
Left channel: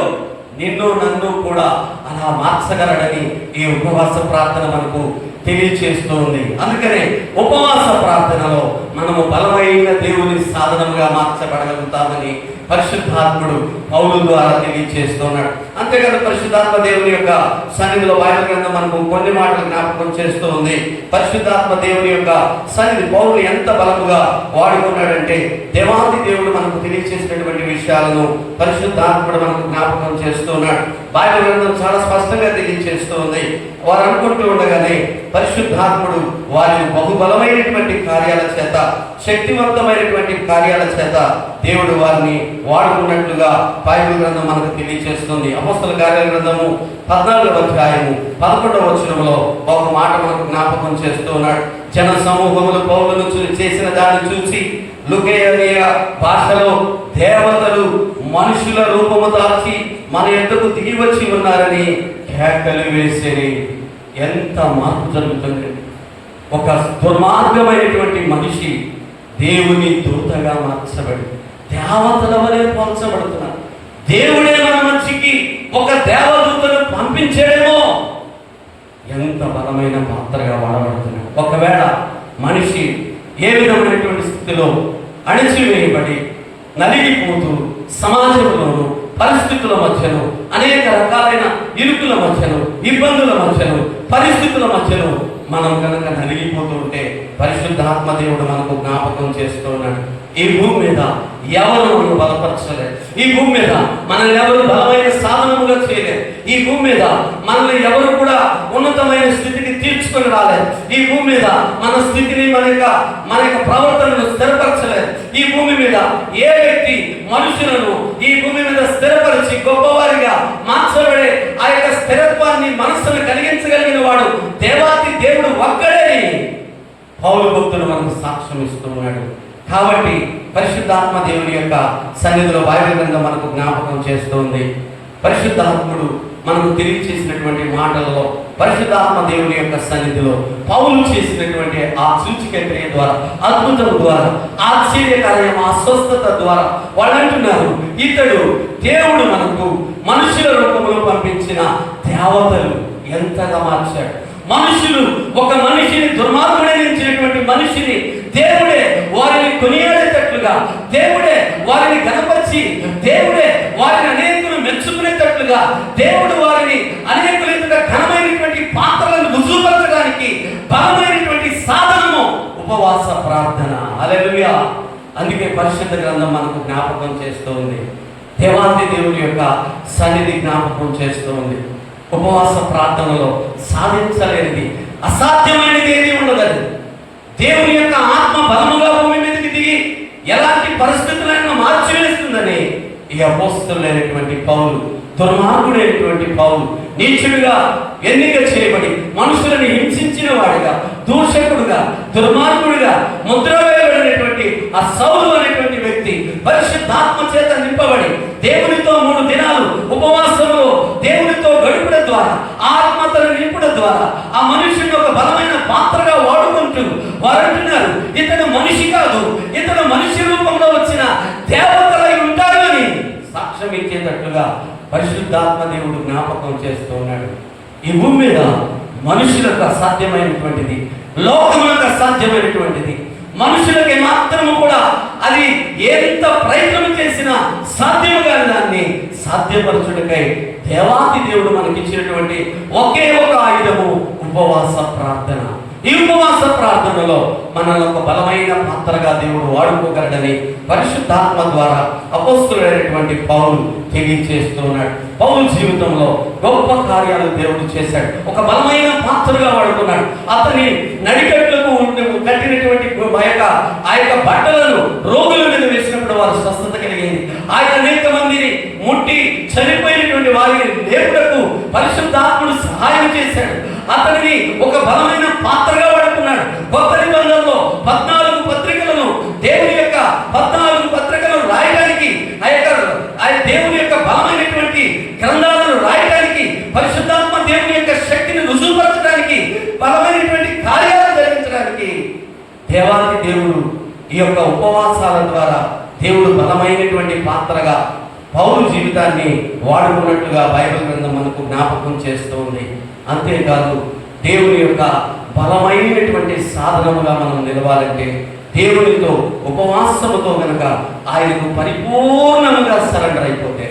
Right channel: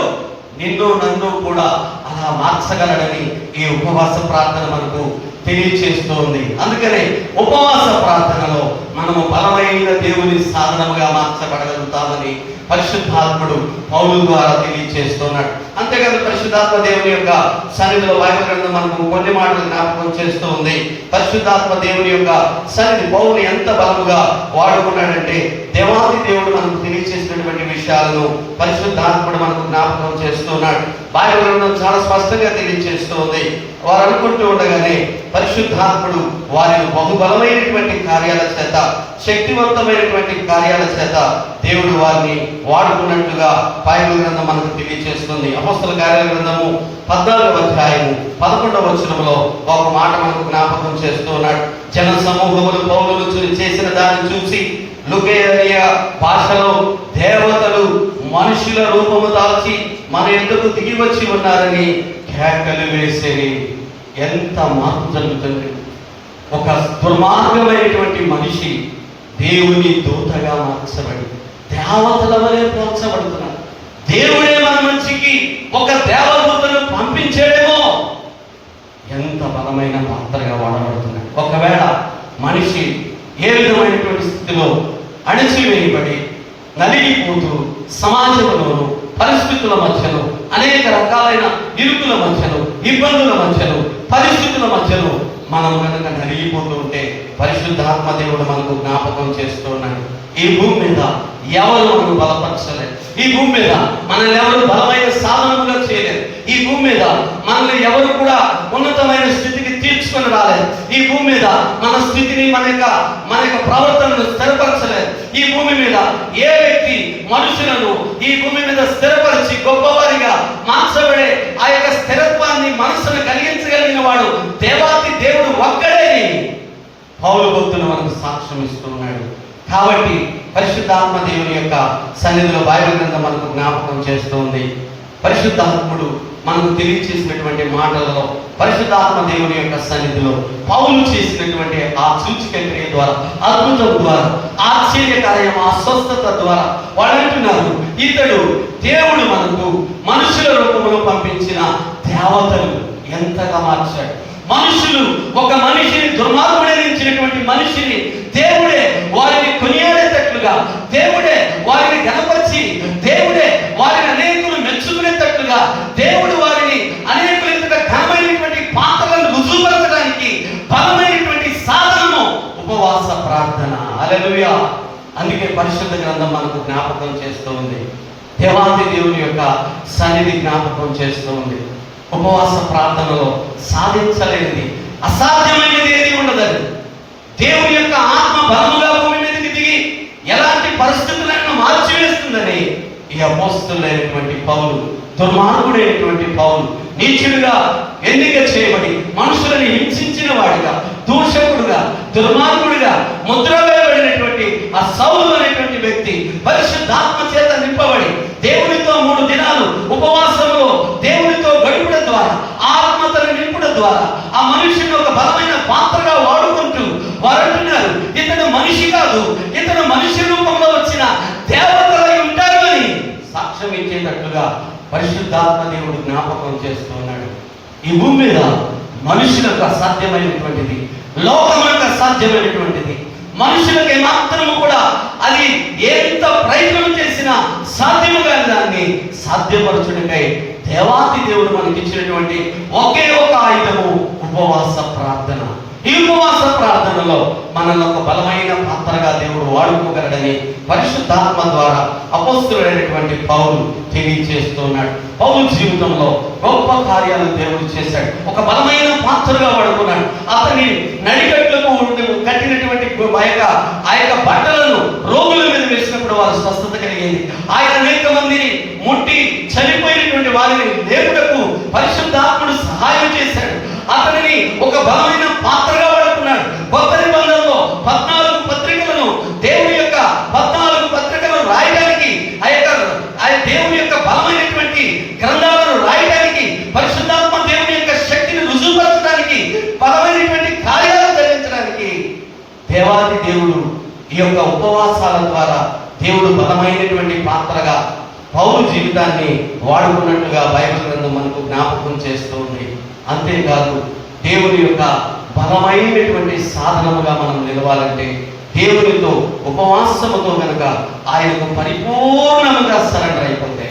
నిన్ను నన్ను కూడా అలా మార్చగలడని ఈ ఉపవాస ప్రార్థన మనకు తెలియచేస్తుంది. అందుకనే ఉపవాస ప్రార్థనలో మనము బలమైన దేవుని సాధనముగా మార్చబడగలుగుతామని పరిశుద్ధాత్ముడు పౌలు ద్వారా తెలియచేస్తున్నాడు. అంతేకాదు పరిశుద్ధాత్మ దేవుని యొక్క సన్నిధిలో బైబిల్ గ్రంథం మనకు కొన్ని మాటలు జ్ఞాపకం చేస్తూ ఉంది. పరిశుద్ధాత్మ దేవుని యొక్క సన్నిధి పౌలు ఎంత బలముగా వాడుకున్నాడంటే దేవాది దేవుడు మనకు తెలియచేసినటువంటి విషయాలను పరిశుద్ధాత్ముడు మనకు జ్ఞాపకం చేస్తున్నాడు. బైబిల్ గ్రంథం చాలా స్పష్టంగా తెలియచేస్తూ ఉంది. వారు అనుకుంటూ ఉండగానే పరిశుద్ధాత్ముడు వారిని బహుబలమైనటువంటి కార్యాల చేత, శక్తివంతమైనటువంటి కార్యాల చేత దేవుడు వారిని వాడుకున్నట్లుగా బైబిల్ గ్రంథం మనకు తెలియజేస్తుంది. అపోస్తల కార్యాల గ్రంథము 14వ అధ్యాయము 11వ వచనంలో ఒక మాట మనకు జ్ఞాపకం చేస్తూ ఉన్నాడు. జన సమూహములు పౌలును చేసిన దాన్ని చూసి లుకేయ భాషలో దేవతలు మనుషుల రూపము దాల్చి మన ఎద్దకు దిగి వచ్చి ఉన్నారని కేకలు వేసేది. ఎంత మార్పు జరుగుతుంది! ఒక దుర్మార్గమైనటువంటి మనిషి దేవుని దూతగా మార్చబడి దేవతల వలె పోల్చబడుతున్నారు. దేవుడే మన మనిషికి ఒక దేవదూతను పంపించేమో ఎంత బలమైన పాత్రగా వాడబడుతున్నాడు. ఒకవేళ మనిషి ఏ విధమైనటువంటి స్థితిలో అణిచివేయబడి నలిగిపోతూ సమాజంలోను పరిస్థితుల మధ్యలో అనేక రకాలైన ఇరుకుల మధ్యలో, ఇబ్బందుల మధ్యలో, పరిస్థితుల మధ్యలో మనం కనుక నలిగిపోతూ ఉంటే పరిశుద్ధాత్మ దేవుడు మనకు జ్ఞాపకం చేస్తూ ఉన్నాడు. ఈ భూమి మీద ఎవరు మనకు బలపరచలేదు. ఈ భూమి మీద మనల్ని ఎవరు బలమైన సాధనముగా చేయలేదు. ఈ భూమి మీద మనల్ని ఎవరు కూడా ఉన్నతమైన స్థితికి తీర్చుకొని రాలేదు. ఈ భూమి మీద మన స్థితిని మన యొక్క ప్రవర్తనను స్థిరపరచలేదు. ఈ భూమి మీద ఏ వ్యక్తి మనుషులను ఈ భూమి మీద స్థిరపరిచి గొప్పవారిగా మార్చబడే ఆ యొక్క స్థిరత్వాన్ని మనసును కలిగించగలిగిన వాడు దేవాతి దేవుడు ఒక్కడే పౌలు భక్తులు మనకు సాక్ష్యం ఇస్తున్నాడు. కాబట్టి పరిశుద్ధాత్మ దేవుని యొక్క సన్నిధిలో బైబిల్ గ్రంథం మనకు జ్ఞాపకం చేస్తుంది. పరిశుద్ధాత్ముడు మనకు తెలియచేసినటువంటి మాటలలో పరిశుద్ధాత్మ దేవుని యొక్క సన్నిధిలో పౌలు చేసినటువంటి ఆ సూచిక క్రియ ద్వారా, అద్భుతం ద్వారా, ఆశ్చర్యకార్యం, ఆ స్వస్థత ద్వారా వాళ్ళు అంటున్నారు, ఇతడు దేవుడు మనకు మనుషుల రూపంలో పంపించిన దేవతలు ఎంతగా మార్చాడు. మనుషులు ఒక మనిషిని దుర్మార్గుడైనటువంటి మనిషిని దేవుడే వారిని కొనియాడేటట్లుగా, దేవుడే వారిని గణపరిచి, దేవుడే వారిని అనేకులు మెచ్చుకునేటట్లుగా, దేవుడు వారిని అనేకులు ఘనమైనటువంటి పాత్రలను రుజువుపరచడానికి బలమైనటువంటి సాధనము ఉపవాస ప్రార్థన. హల్లెలూయా. అందుకే పరిశుద్ధ గ్రంథం మనకు జ్ఞాపకం చేస్తూ ఉంది. దేవాది దేవుని యొక్క సన్నిధి జ్ఞాపకం చేస్తూ ఉంది. ఉపవాస ప్రార్థనలో సాధించలేనిది, అసాధ్యమైనది ఏది ఉండదని, దేవుని యొక్క ఆత్మ బలముగా భూమి మీదకి దిగి ఎలాంటి పరిస్థితులైనా మార్చివేస్తుందని ఈ అపోస్తలుడైనటువంటి పౌలు, దుర్మార్గుడైనటువంటి పౌలు, నీచుడిగా ఎన్నిక చేయబడి మనుషులను హింసించిన వాడిగా, దూషకుడుగా, దుర్మార్గుడిగా ముద్ర వేయబడినటువంటి ఆ సౌలు అనేటువంటి వ్యక్తి పరిశుద్ధాత్మ చేత నింపబడి దేవునితో 3 దినాలు ఉపవాసంలో దేవునితో గడుపుట ద్వారా, ఆత్మతను నింపుట ద్వారా ఆ మనుషుని ఒక బలమైన పాత్రగా వాడుకుంటూ వారు అంటున్నారు, ఇతడు మనిషి కాదు, ఇతడు మనిషి రూపంలో వచ్చిన దేవతలై ఉంటారు అని సాక్ష్యం ఇచ్చేటట్లుగా పరిశుద్ధాత్మ దేవుడు జ్ఞాపకం చేస్తూ ఉన్నాడు. ఈ భూమి మీద మనుషులకు అసాధ్యమైనటువంటిది, లోకములకు అసాధ్యమైనటువంటిది, మనుషులకి మాత్రము కూడా అది ఎంత ప్రయత్నం చేసినా సాధ్యము కాని దాన్ని సాధ్యపరచుటకై దేవాతి దేవుడు మనకి ఇచ్చినటువంటి ఒకే ఒక ఆయుధము ఉపవాస ప్రార్థన. ఈ ఉపవాస ప్రార్థనలో మనల్ని ఒక బలమైన పాత్రగా దేవుడు వాడుకోగలడని పరిశుద్ధాత్మ ద్వారా అపోస్తలుడైనటువంటి పౌలు తెలియజేస్తున్నాడు. పౌలు జీవితంలో గొప్ప కార్యాలు దేవుడు చేశాడు. ఒక బలమైన పాత్రగా వాడుకున్నాడు. అతని నడికట్లకు కట్టినటువంటి ఆ యొక్క బట్టలను రోగుల మీద వేసినప్పుడు వారు స్వస్థత కలిగింది. ఆయన అనేక మందిని ముట్టి చనిపోయినటువంటి వారిని లేపుటకు పరిశుద్ధాత్ముడు సహాయం చేశాడు. అతనిని ఒక బలమైన పాత్రగా వాడుకున్నాడు. కొత్త నిబంధనలో 14 పత్రికలను, దేవుని యొక్క 14 పత్రికలను రాయడానికి, ఆ దేవుని యొక్క బలమైనటువంటి గ్రంథాలను రాయడానికి, పరిశుద్ధాత్మ దేవుని యొక్క శక్తిని రుజువుపరచడానికి, బలమైనటువంటి కార్యాలు జరిగించడానికి దేవాది దేవుడు ఈ యొక్క ఉపవాసాల ద్వారా దేవుడు బలమైనటువంటి పాత్రగా పౌలు జీవితాన్ని వాడుకున్నట్లుగా బైబిల్ గ్రంథం మనకు జ్ఞాపకం చేస్తూ ఉంది. అంతేకాదు దేవుని యొక్క బలమైనటువంటి సాధనముగా మనం నిలవాలంటే దేవునితో ఉపవాసముతో కనుక ఆయనకు పరిపూర్ణముగా సరెండర్ అయిపోతే,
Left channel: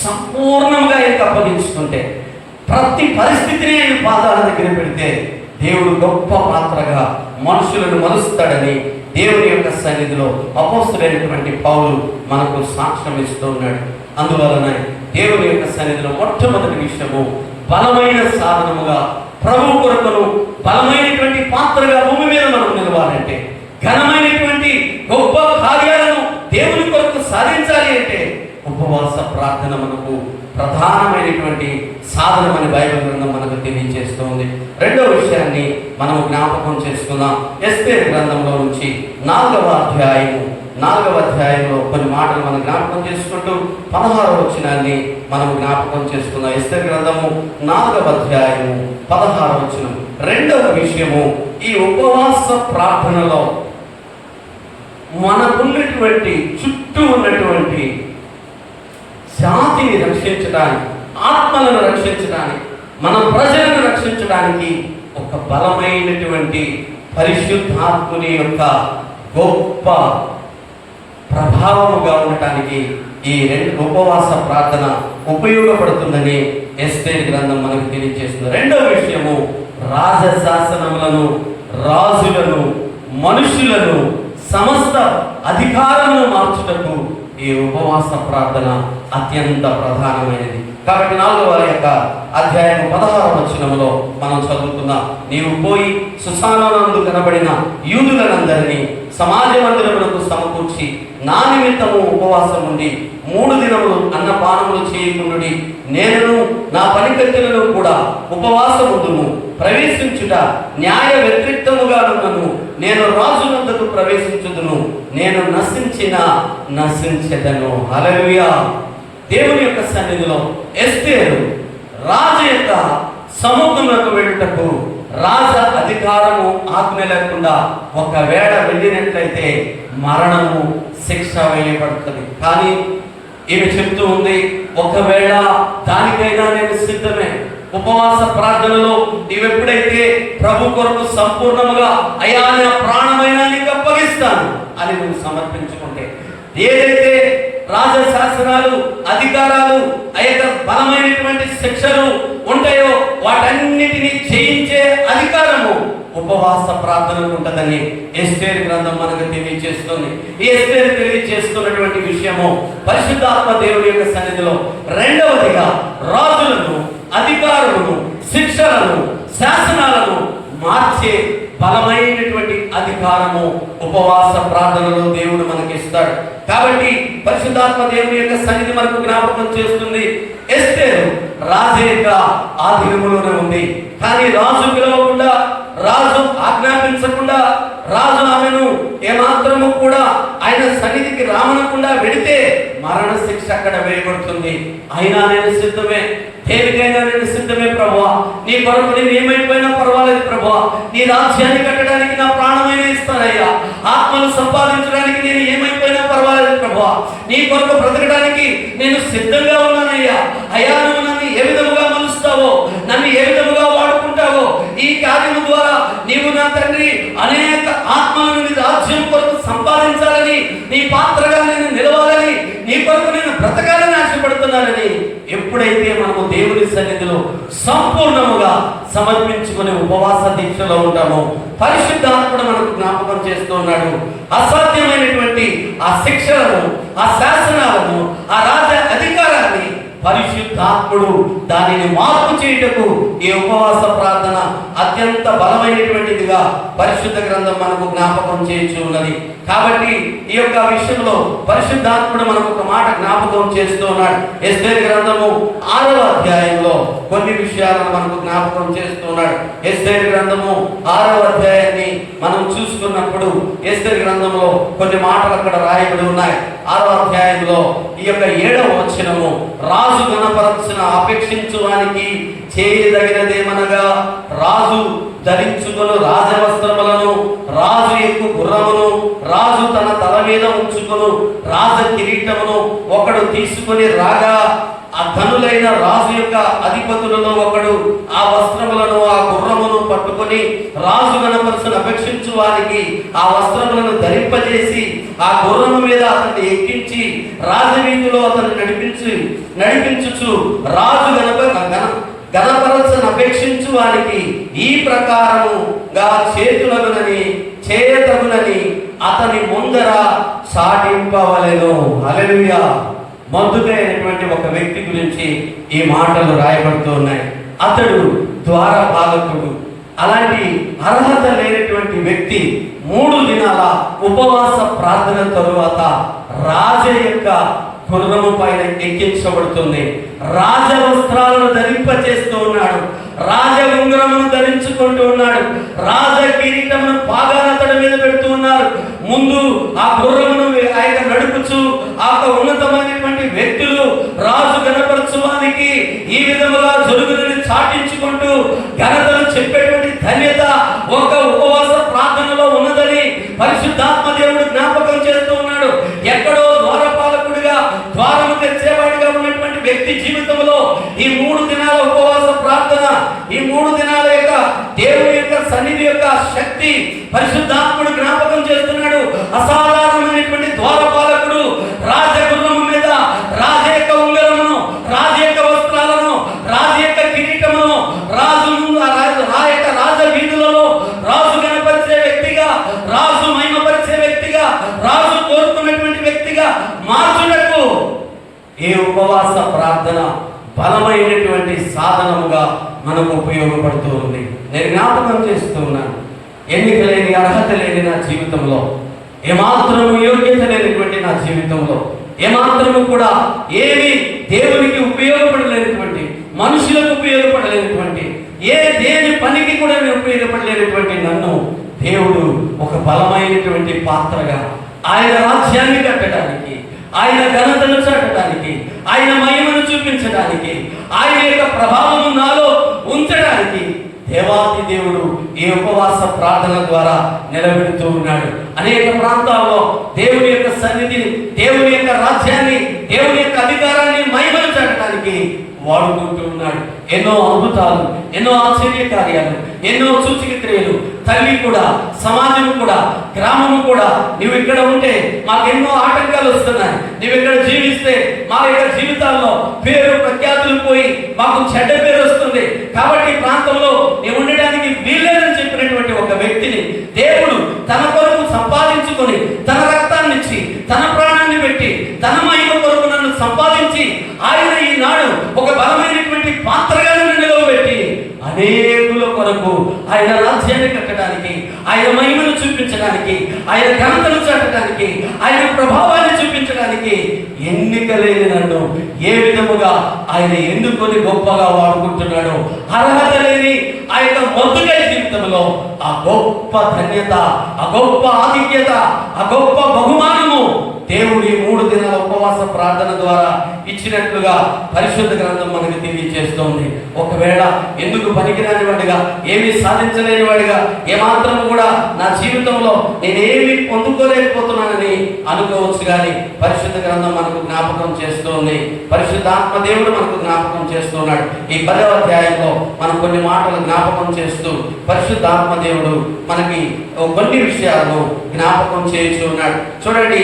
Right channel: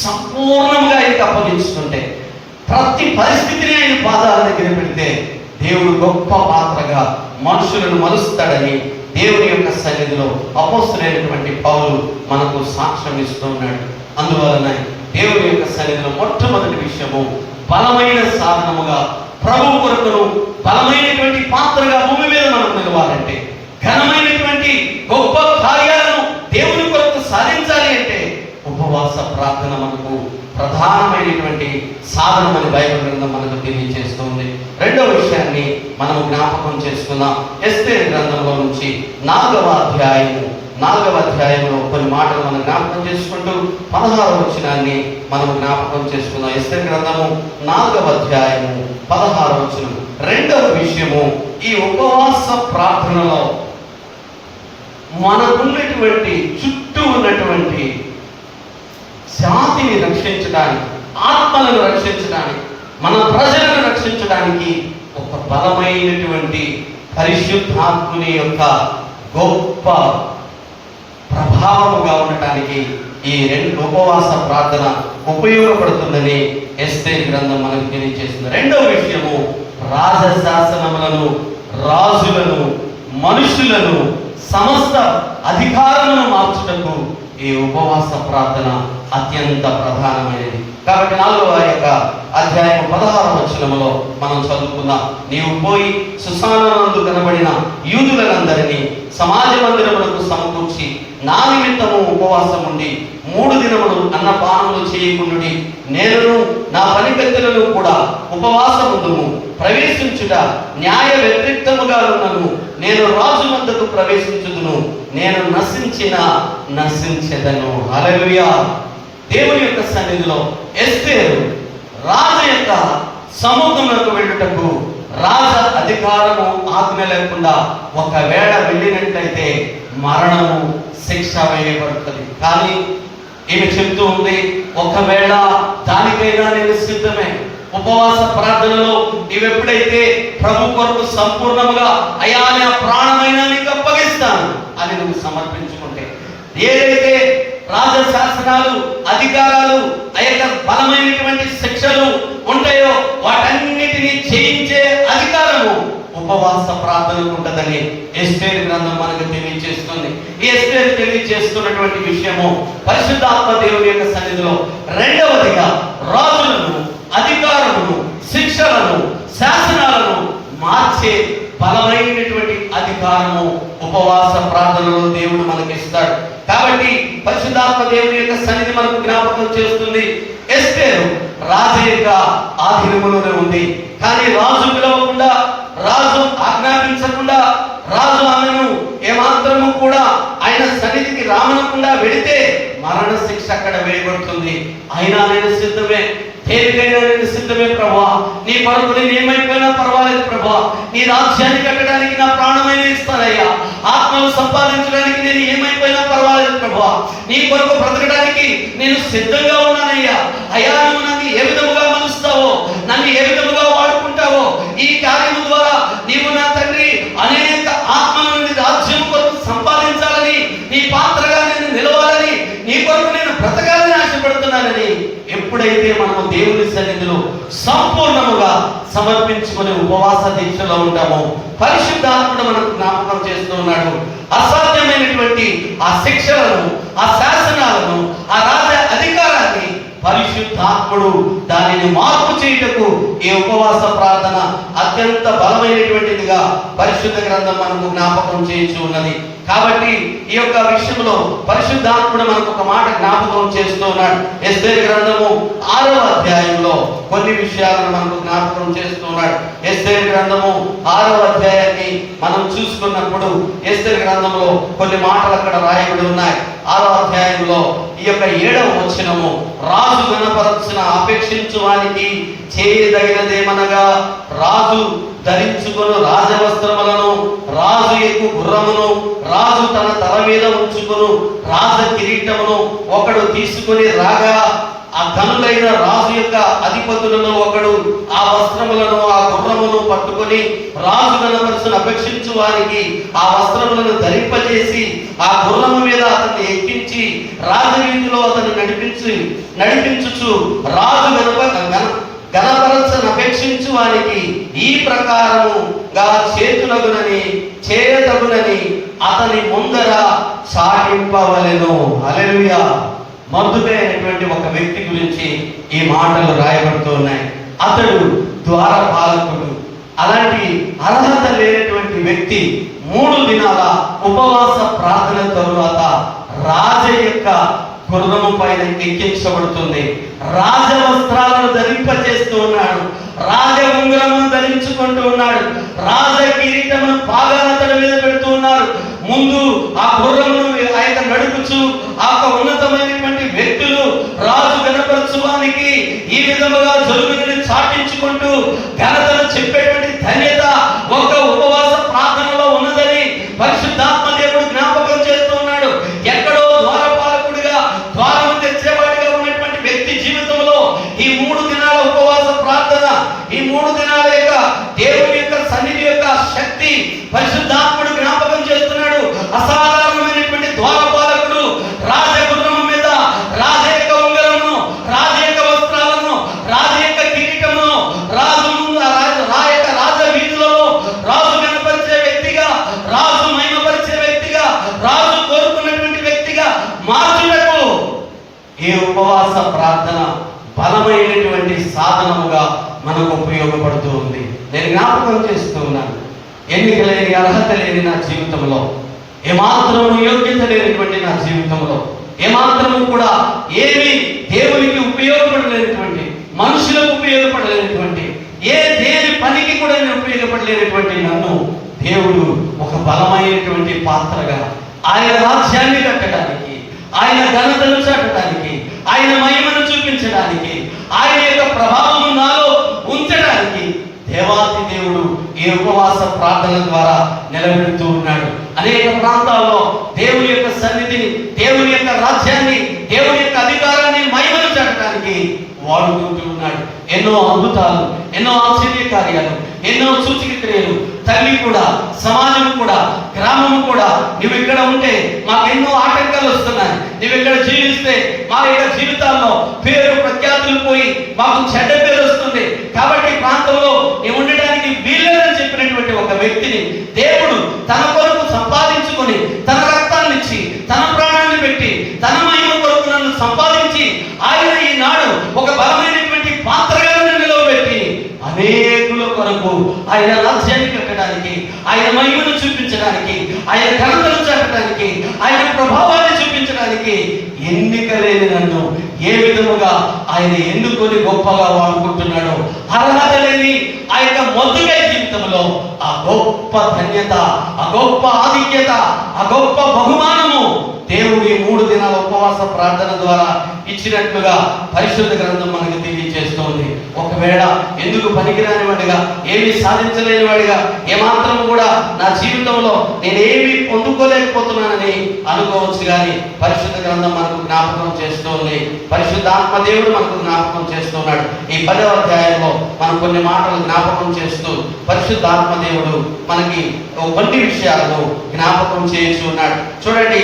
సంపూర్ణంగా ఆయనకు అప్పగించుకుంటే, ప్రతి పరిస్థితిని ఆయన పాదాల దగ్గర పెడితే దేవుడు గొప్ప పాత్రగా మనుషులను మలుస్తాడని దేవుని యొక్క సన్నిధిలో అపోస్తలుడైనటువంటి పౌలు మనకు సాక్ష్యం ఇస్తూ ఉన్నాడు. అందువలన దేవుని యొక్క సన్నిధిలో మొట్టమొదటి విషయము బలమైన సాధనముగా ప్రభు కొరకును బలమైనటువంటి పాత్రగా భూమి మీద మనం నిలవాలంటే, ఘనమైనటువంటి గొప్ప కార్యాలను దేవుని కొరకు సాధించాలి అంటే ఉపవాస ప్రార్థన మనకు ప్రధానమైనటువంటి సాధనమని బైబిల్ గ్రంథం మనకు తెలియజేస్తుంది. రెండవ విషయాన్ని మనం జ్ఞాపకం చేసుకుందాం. ఎస్తేరు గ్రంథంలో నుంచి 4వ అధ్యాయంలో కొన్ని మాటలు మనం జ్ఞాపకం చేసుకుంటూ 16వ వచనాన్ని మనం జ్ఞాపకం చేసుకుందాం. ఎస్తేరు గ్రంథము 4వ అధ్యాయము 16వ వచనం. రెండవ విషయము, ఈ ఉపవాస ప్రార్థనలో మనకున్నటువంటి చుట్టూ ఉన్నటువంటి జాతిని రక్షించడానికి, ఆత్మలను రక్షించడానికి, మన ప్రజలను రక్షించడానికి ఒక బలమైనటువంటి పరిశుద్ధాత్ముని యొక్క గొప్ప ప్రభావముగా ఉండటానికి ఈ 2 ఉపవాస ప్రార్థన ఉపయోగపడుతుందని ఎస్తేరు గ్రంథం మనకు తెలియజేస్తుంది. రెండవ విషయము, రాజశాసనములను, రాజులను, మనుషులను, సమస్త అధికారమును మార్చుటకు ఈ ఉపవాస ప్రార్థన అత్యంత ప్రధానమైనది. కాబట్టి 4వ అధ్యాయం 16వ వచనములో మనం చదువుకుందాం. నీవు పోయి సుసానందు కనబడిన యూదులందరినీ సమాజ మందిరములకు సమకూర్చి నా నిమిత్తము ఉపవాసం ఉండి 3 దినములు అన్నపానములు చేయకుండుడి. నేనును నా పనికత్తెలను కూడా ఉపవాసముందుము. ప్రవేశించుట న్యాయ వ్యతిరేక్తముగా ఉన్నను. నేను రాజు వద్దకు ప్రవేశించుదును. నేను నశించెదను. హల్లెలూయా. దేవుని యొక్క సన్నిధిలో ఎస్తేరు రాజు యొక్క సముఖంలోకి వెళ్ళుటకు రాజ అధికారము ఆజ్ఞ లేకుండా ఒకవేళ వెళ్ళినట్లయితే మరణము శిక్ష వేయబడుతుంది. కానీ ఈమె చెప్తూ ఉంది, ఒకవేళ దానికైనా నేను సిద్ధమే. ఉపవాస ప్రార్థనలో నీవెప్పుడైతే ప్రభు కొరకు సంపూర్ణముగా అయ్యా నా ప్రాణమైనా నీకు అప్పగిస్తాను అని నువ్వు సమర్పించుకుంటే, ఏదైతే రాజశాసనాలు అధికారాలు ఆ యొక్క బలమైనటువంటి శిక్షలు ఉంటాయో వాటన్నిటినీ జయించే అధికారము ఉపవాస ప్రార్థనకు ఉంటుందని ఎస్తేరు గ్రంథం మనకు తెలియజేస్తుంది. ఈ ఎస్తేరు తెలియజేస్తున్నటువంటి విషయము పరిశుద్ధాత్మ దేవుని యొక్క సన్నిధిలో రెండవదిగా రాజులను, అధికారులను, శిక్షలను, శాసనాలను మార్చే బలమైనటువంటి అధికారము ఉపవాస ప్రార్థనలో దేవుడు మనకిస్తాడు. కాబట్టి పరిశుద్ధాత్మ దేవుని యొక్క సన్నిధి మనకు జ్ఞాపకం చేస్తుంది, ఎస్తేరు రాజు యొక్క ఆధీనములోనే ఉంది. కానీ రాజు పిలవకుండా, రాజు ఆజ్ఞాపించకుండా, రాజు ఆమెను ఏమాత్రము కూడా ఆయన సన్నిధికి రామనకుండా వెడితే మరణ శిక్ష అక్కడ వేయబడుతుంది. అయినా నేను సిద్ధమే, దేనికైనా నేను సిద్ధమే ప్రభువా. నీ కొరకు నేను ఏమైపోయినా పర్వాలేదు ప్రభువా. నీ రాజ్యాన్ని కట్టడానికి నా ప్రాణమైన ఇస్తానయ్యా. ఆత్మలు సంపాదించడానికి నేను ఏమైపోయినా పర్వాలేదు ప్రభువా. నీ కొరకు బ్రతకడానికి నేను సిద్ధంగా ఉన్నానయ్యా. అయ్యా నువ్వు నన్ను ఏ విధముగా మలుస్తావో, నన్ను ఏ విధముగా వాడుకుంటావో, ఈ కార్యము ద్వారా నీవు నా తండ్రి అనేక ఆత్మల నుండి రాజ్యం కొరకు సంపాదించాలని, నీ పాత్రగా నేను నిలవాలని, నీ కొరకు నేను బ్రతకాలని ఆశపడుతున్నానని ఎప్పుడైతే మనము దేవుని సన్నిధిలో సంపూర్ణముగా సమర్పించుకునే ఉపవాస దీక్షలో ఉంటామో పరిశుద్ధాత్ముడు మనకు జ్ఞాపకం చేస్తూ ఉన్నాడు. అసాధ్యమైనటువంటి ఆ శిక్షలను, ఆ శాసనాలను, ఆ రాజ అధికారాన్ని పరిశుద్ధాత్ముడు దానిని మార్పు చేయుటకు ఈ ఉపవాస ప్రార్థన అత్యంత బలమైనటువంటిదిగా పరిశుద్ధ గ్రంథం మనకు జ్ఞాపకం చేయించి ఉన్నది. కాబట్టి ఈ యొక్క విషయంలో పరిశుద్ధాత్ముడు మనకు ఒక మాట జ్ఞాపకం చేస్తూ ఉన్నాడు. ఎస్తేరు గ్రంథము 6వ అధ్యాయంలో కొన్ని విషయాలను మనకు జ్ఞాపకం చేస్తూ ఉన్నాడు. ఎస్తేరు గ్రంథము 6వ అధ్యాయాన్ని మనం చూసుకున్నప్పుడు ఎస్తేరు గ్రంథంలో కొన్ని మాటలు అక్కడ రాయబడి ఉన్నాయి. 6వ అధ్యాయంలో ఈ యొక్క 7వ వచనము, రాజు గణపరచిన అపేక్షించు వానికి చేయదగినదేమనగా రాజు ధరించుకొను రాజవస్త్రములను, రాజు ఎక్కు గుర్రమును, రాజు తన తల మీద ఉంచుకొను రాజ కిరీటమును ఒకడు తీసుకొని రాగా, ఆ ధనులైన రాజు యొక్క అధిపతులలో ఒకడు ఆ వస్త్రములను, ఆ గుర్రమును పట్టుకొని రాజు గణపరచును అపేక్షించు వారికి ఆ వస్త్రములను ధరింపజేసి ఆ గుర్రము మీద అతన్ని ఎక్కించి రాజవీధిలో అతను నడిపించుచు రాజు గణపరచను అపేక్షించు వారికి ఈ ప్రకారముగా చేయతగునని అతని ముందర చాటింపవలెను. హల్లెలూయా. మందుకైనటువంటి ఒక వ్యక్తి గురించి ఈ మాటలు రాయబడుతూ ఉన్నాయి. అతడు ద్వారపాలకుడు. అలాంటి అర్హత లేనటువంటి వ్యక్తి 3 దినాల ఉపవాస ప్రార్థన తరువాత రాజ యొక్క గుర్రము పైన ఎక్కించబడుతుంది. రాజ వస్త్రాలను ధరింపచేస్తూ ఉన్నాడు. రాజ ఉంగరమును ధరించుకుంటూ ఉన్నాడు. రాజ కిరీటమును పాగాన తన మీద పెడుతూ ఉన్నారు. ముందు ఆ గుర్రమును ఆయన నడుపుచు ఆ ఉన్నతమైనటువంటి వ్యక్తులు రాజు గణపరచువానికి ఈ విధముగా జరుగుని చాటించుకుంటూ ఘనతను చెప్పేటువంటి ధన్యత ఒక ఉపవాస ప్రార్థనలో ఉన్నదని పరిశుద్ధాత్మ దేవుడు జ్ఞాపకం చేస్తూ ఉన్నాడు. ఎక్కడో ద్వారపాలకుడిగా, ద్వారము తెచ్చేవాడిగా ఉన్నటువంటి వ్యక్తి జీవితంలో ఈ 3 దినాల ఉపవాస ప్రార్థన, ఈ 3 దినాల యొక్క దేవుని యొక్క సన్నిధి యొక్క శక్తి పరిశుద్ధాత్ముడు జ్ఞాపకం చేస్తున్నాడు. అసాధారణమైనటువంటి ద్వారపాలకుడు రాజగుర్రము మీద రాజ యొక్క ఉంగరమును, రాజ యొక్క వస్త్రాలను, రాజ యొక్క కిరీటమును రాజు ముందు రాజ వీధులలో రాజు కనపరిచే వ్యక్తిగా, రాజు మహిమపరిచే వ్యక్తిగా, రాజు ఈ ఉపవాస ప్రార్థన బలమైనటువంటి సాధనముగా మనకు ఉపయోగపడుతూ ఉంది. నేను జ్ఞాపకం చేస్తూ ఉన్నాను, ఎన్నిక లేని, అర్హత లేని నా జీవితంలో, ఏమాత్రము యోగ్యత లేనటువంటి నా జీవితంలో, ఏమాత్రము కూడా ఏమి దేవునికి ఉపయోగపడలేనటువంటి, మనుషులకు ఉపయోగపడలేనటువంటి, దేని పనికి కూడా నేను ఉపయోగపడలేనటువంటి నన్ను దేవుడు ఒక బలమైనటువంటి పాత్రగా ఆయన రాజ్యాన్ని కట్టడానికి, ఆయన ఘనతను చాటడానికి, ఆయన మహిమను చూపించడానికి, ఆయన యొక్క ప్రభావం నాలో ఉంచడానికి దేవాది దేవుడు ఈ ఉపవాస ప్రార్థన ద్వారా నిలబెడుతూ ఉన్నాడు. అనేక ప్రాంతాల్లో దేవుని యొక్క సన్నిధిని, దేవుని యొక్క రాజ్యాన్ని, దేవుని యొక్క అధికారాన్ని, మహిమను చాటడానికి వాడుకుంటూ ఉన్నాడు. ఎన్నో అద్భుతాలు, ఎన్నో ఆశ్చర్య కార్యాలు, ఎన్నో సూచక క్రియలు. తల్లి కూడా, సమాజం కూడా, గ్రామము కూడా, నువ్వు ఇక్కడ ఉంటే మాకెన్నో ఆటంకాలు వస్తున్నాయి, నువ్వు ఇక్కడ జీవిస్తే మా యొక్క జీవితాల్లో పేరు ప్రఖ్యాతులు పోయి మాకు చెడ్డ పేరు వస్తుంది, కాబట్టి ప్రాంతంలో నువ్వు ఉండడానికి వీల్లేదని చెప్పినటువంటి ఒక వ్యక్తిని దేవుడు తన కొరకు సంపాదించుకొని, తన రక్తాన్ని ఇచ్చి, తన ప్రాణాన్ని పెట్టి, తన మహిమ కొరకు నన్ను సంపాదించి ఆయన ఈనాడు ఒక బలమైనటువంటి పాత్రగా నిలవబెట్టి అనేకుల కొరకు ఆయన రాజ్యాన్ని కట్టడానికి, ఆయన మహిమను చూపించడానికి, ఆయన ఘనతను చాటడానికి, ఆయన ప్రభావాన్ని చూపించడానికి ఎన్నిక లేని నన్ను ఏ విధముగా ఆయన ఎన్నుకొని గొప్పగా వాడుకుంటున్నాడు. అర్హత లేని ఆ యొక్క మొద్దుగా జీవితంలో ఆ గొప్ప ధన్యత, ఆ గొప్ప ఆధిక్యత, ఆ గొప్ప బహుమానము దేవుడి 3 దినాల ఉపవాస ప్రార్థన ద్వారా ఇచ్చినట్లుగా పరిశుద్ధ గ్రంథం మనకు తెలియజేస్తోంది. ఒకవేళ ఎందుకు పనికిరాని వాడిగా, ఏమీ సాధించలేని వాడిగా, ఏమాత్రం కూడా నా జీవితంలో నేనేమి పొందుకోలేకపోతున్నానని అనుకోవచ్చు, కానీ పరిశుద్ధ గ్రంథం మనకు జ్ఞాపకం చేస్తోంది. పరిశుద్ధాత్మ దేవుడు మనకు జ్ఞాపకం చేస్తున్నాడు. ఈ 10వ అధ్యాయంలో మనం కొన్ని మాటలు జ్ఞాపకం చేస్తూ పరిశుద్ధాత్మ దేవుడు మనకి కొన్ని విషయాలను జ్ఞాపకం చేస్తూ ఉన్నాడు. చూడండి,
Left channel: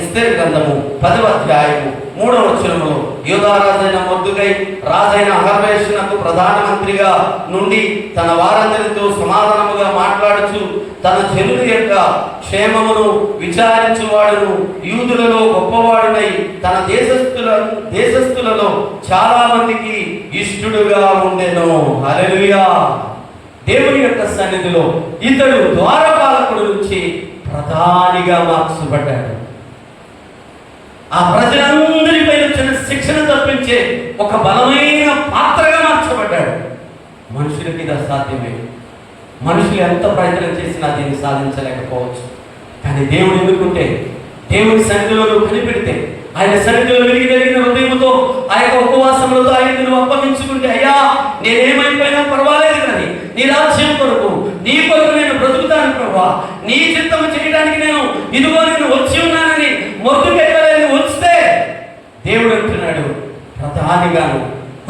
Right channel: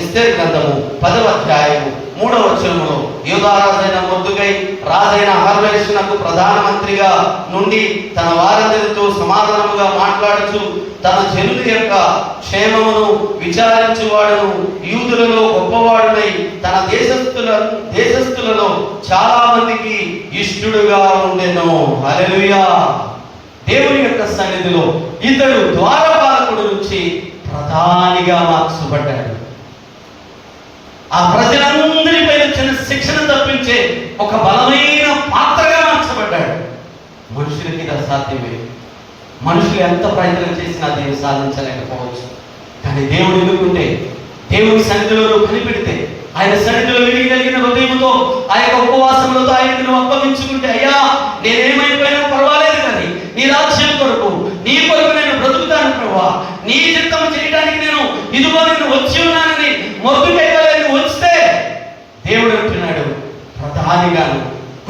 ఎస్తేరు గ్రంథము 10వ అధ్యాయము 3వ వచనములో, యూదారాజైన మొర్దెకై రాజైన అహర్వేషునకు ప్రధానమంత్రిగా నుండి తన వారందరితో సమాధానముగా మాట్లాడుచు తన జనుల యొక్క క్షేమమును విచారించువాడును, యూదులలో గొప్పవాడునై తన దేశస్థులలో చాలా మందికి ఇష్టడుగా ఉండెను. హల్లెలూయా. దేవుని యొక్క సన్నిధిలో ఇతడు ద్వారపాలకుడు నుంచి ప్రధానిగా మార్చబడ్డాడు. ఆ ప్రజలందరిపై వచ్చిన శిక్షణ తప్పించే ఒక బలమైన పాత్రగా మార్చబడ్డాడు. మనుషులకి ఇది అసాధ్యమే. మనుషులు ఎంత ప్రయత్నం చేసినా దీన్ని సాధించలేకపోవచ్చు. కానీ దేవుడు ఎన్నుకుంటే, దేవుని సన్నిధిలో కనిపెడితే, ఆయన సన్నిధిలో విరిగిన హృదయంతో ఆ యొక్క ఉపవాసములతో ఆయనకి నువ్వు అప్పగించుకుంటే, అయ్యా నేనేమైపోయినా పర్వాలేదు, కానీ నీ రాజ్యం కొరకు, నీ కొరకు నేను బ్రతుకుతాను ప్రభువా, నీ చిత్తము చేయడానికి నేను ఇదిగో నేను వచ్చి ఉన్నానని మొద్దుకైపోలేని వస్తే దేవుడు అంటున్నాడు, ప్రధానిగాను,